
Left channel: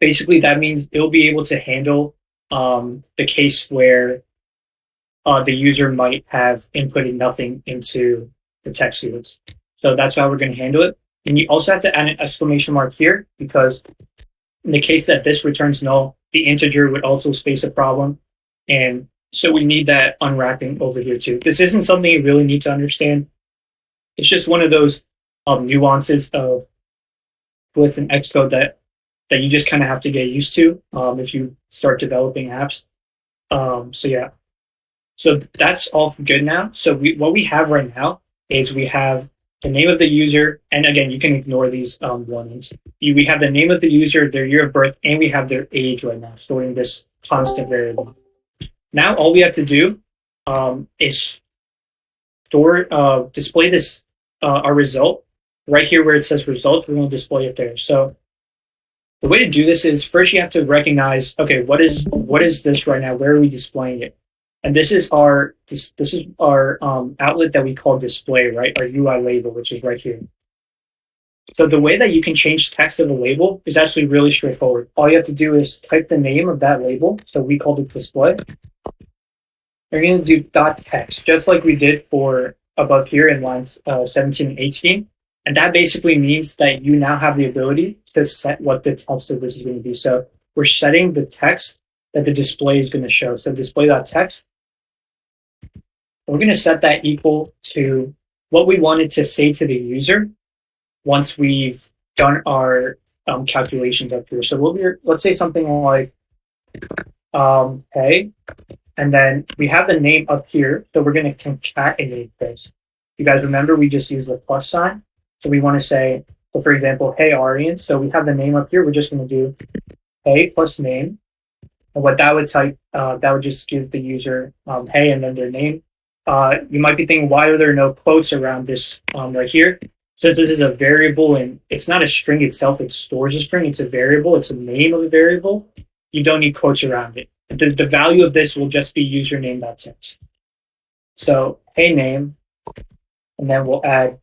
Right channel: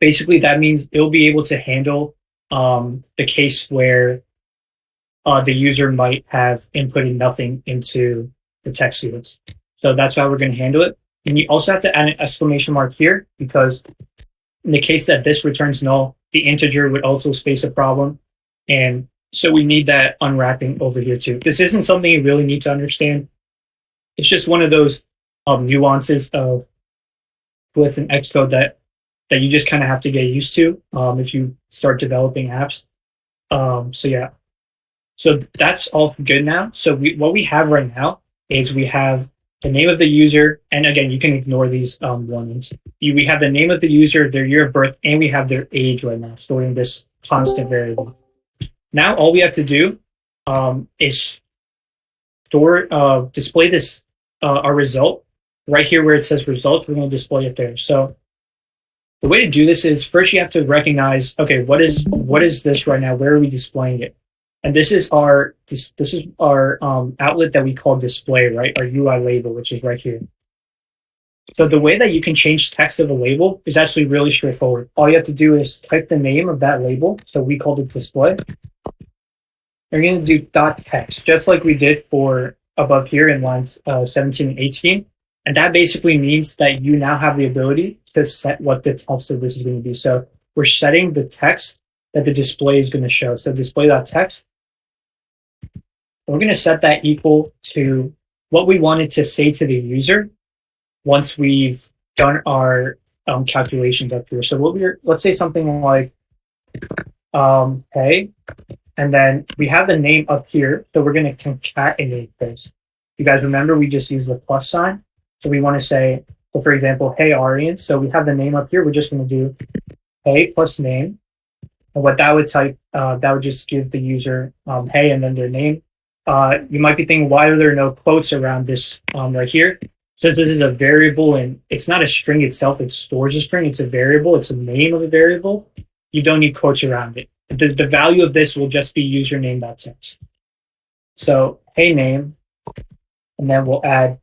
basically that means it'll be able to handle the case where the user might have inputted nothing into the text fields. So that's how we're going to handle it. And you also have to add an exclamation mark here because in the case that this returns null, the integer would also space a problem. And so we need that unwrapping over here too. This isn't something you really need to understand. It's just one of those nuances of with an Xcode that you just kind of have to get used to if you start developing apps. So yeah, so that's all good now. So what we have right now is we have the name of the user, and again, you can ignore these warnings. We have the name of the user, their year of birth, and we have their age right now, storing this constant variable. Now all we have to do is display this our result right here where it says results. We're going to display it there. So the way to do this is first you have to recognize, okay, what is this right now? Where are we displaying it? And this is our outlet that we call display, right? Our UI label, which is right here. So the way that you can change text of a label is actually really straightforward. All you have to do is type the name of that label. So we called it display. You're going to do .text, just like we did for above here in lines 17 and 18. And that basically means that you now have the ability to set what the text of this is going to be. So we're setting the text that the display is going to show. So display.text. We're going to set that equal to what we wanted to say to the user once we've done our calculations up here. So let's say something like, hey, and then we have the name up here. So we're going to concatenate this. You guys remember we just used the plus sign. So we want to say, so for example, hey, Aryan. So we have the name up here. We're just going to do hey plus name. And what that would type, that would just give the user hey and then their name. You might be thinking, why are there no quotes around this right here? Since this is a variable and it's not a string itself, it stores a string. It's a variable. It's a name of a variable. You don't need quotes around it. The value of this will just be username.text. So hey name, and then we'll add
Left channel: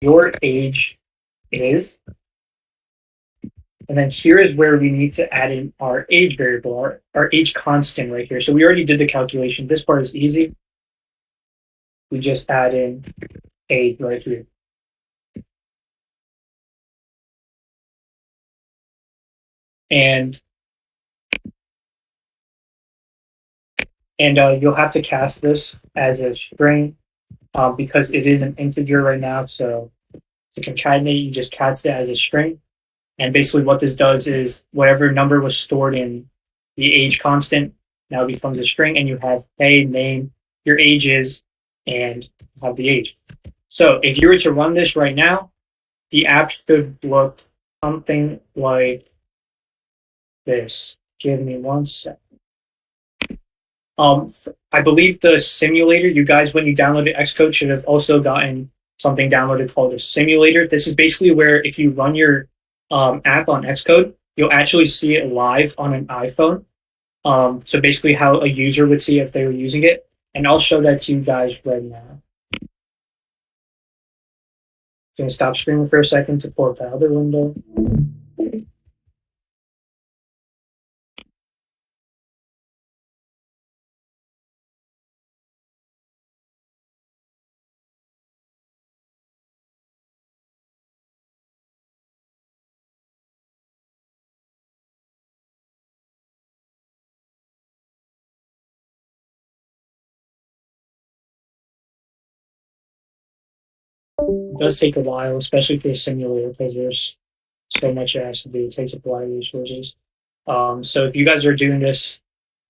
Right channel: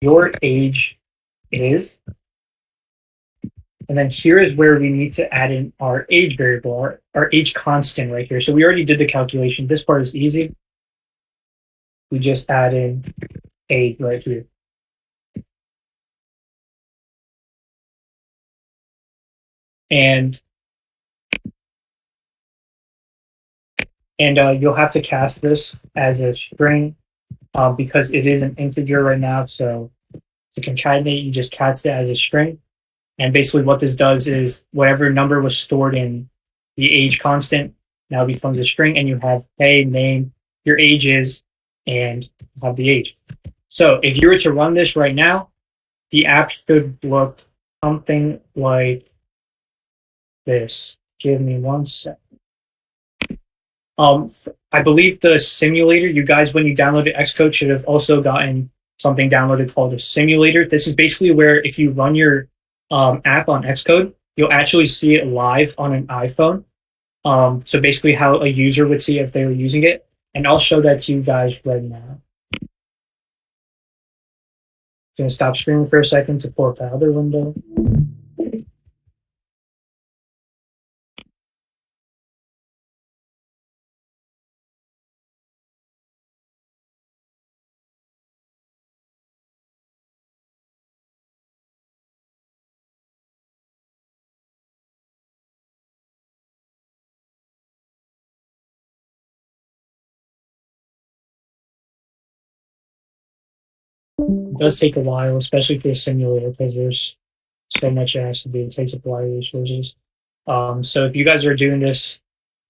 your age is, and then here is where we need to add in our age variable, our age constant right here. So we already did the calculation. This part is easy. We just add in age right here. And you'll have to cast this as a string because it is an integer right now. So to concatenate, you just cast it as a string. And basically what this does is whatever number was stored in the age constant now becomes a string, and you have hey, name, your age is, and you have the age. So if you were to run this right now, the app should look something like this. Give me one sec. I believe the simulator, you guys, when you downloaded Xcode, should have also gotten something downloaded called a simulator. This is basically where if you run your app on Xcode, you'll actually see it live on an iPhone. So basically how a user would see if they were using it. And I'll show that to you guys right now. I'm going to stop streaming for a second to pull up the other window. It does take a while, especially for a simulator, because there's so much it has to do. It takes up a lot of resources. So if you guys are doing this,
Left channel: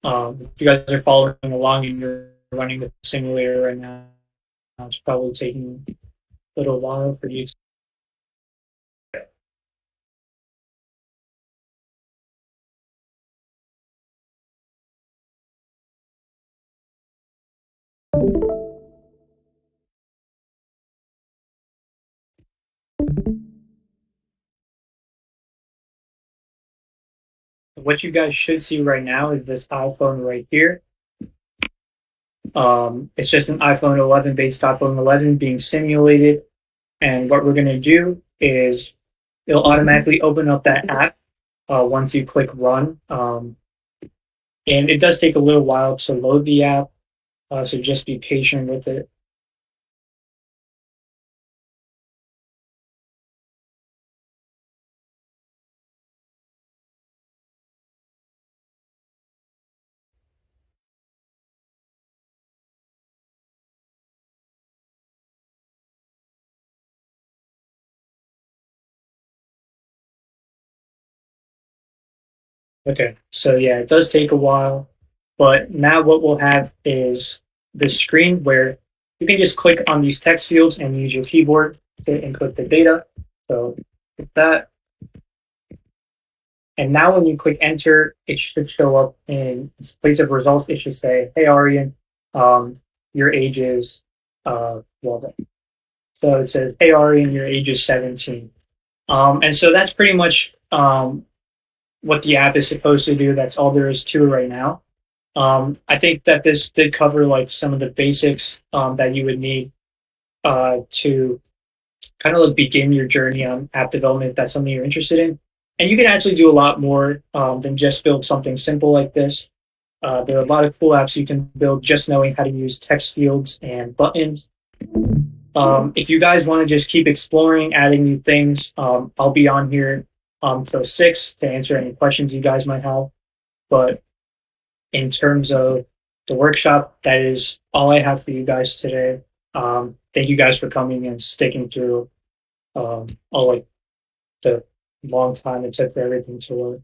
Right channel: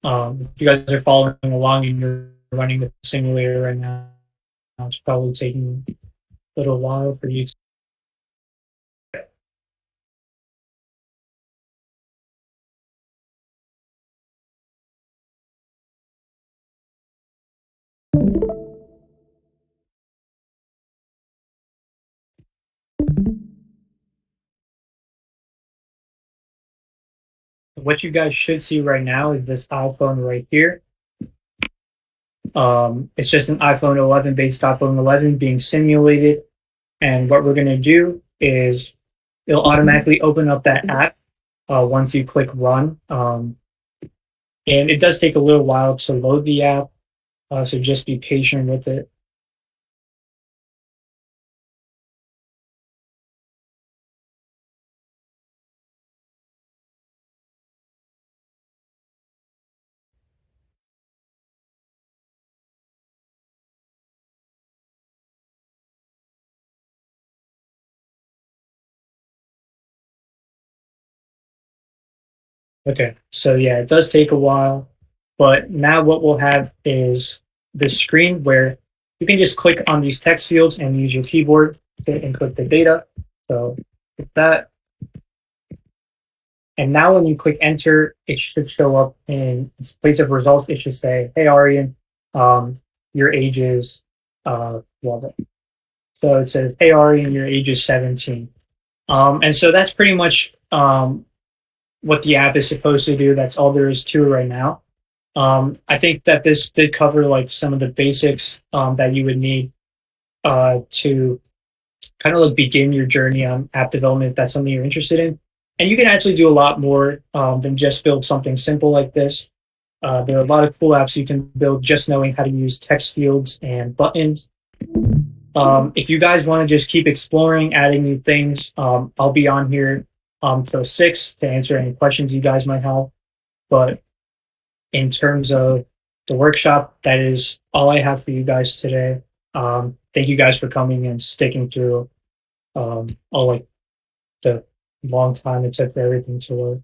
if you guys are following along and you're running the simulator right now, it's probably taking a little while for you to. What you guys should see right now is this iPhone right here. It's just an iPhone 11 based iPhone 11 being simulated. And what we're going to do is it'll automatically open up that app once you click run. And it does take a little while to load the app, so just be patient with it. Okay, so yeah, it does take a while, but now what we'll have is this screen where you can just click on these text fields and use your keyboard to input the data. So with that, and now when you click enter, it should show up in its place of results. It should say, "Hey Aryan, your age is well." So it says, "Hey Aryan, your age is 17." And so that's pretty much what the app is supposed to do. That's all there is to it right now. I think that this did cover like some of the basics that you would need to kind of like begin your journey on app development if that's something you're interested in. And you can actually do a lot more than just build something simple like this. There are a lot of cool apps you can build just knowing how to use text fields and buttons. If you guys want to just keep exploring, adding new things, I'll be on here till 6 to answer any questions you guys might have. But in terms of the workshop, that is all I have for you guys today. Thank you guys for coming and sticking through all like the long time it took for everything to work.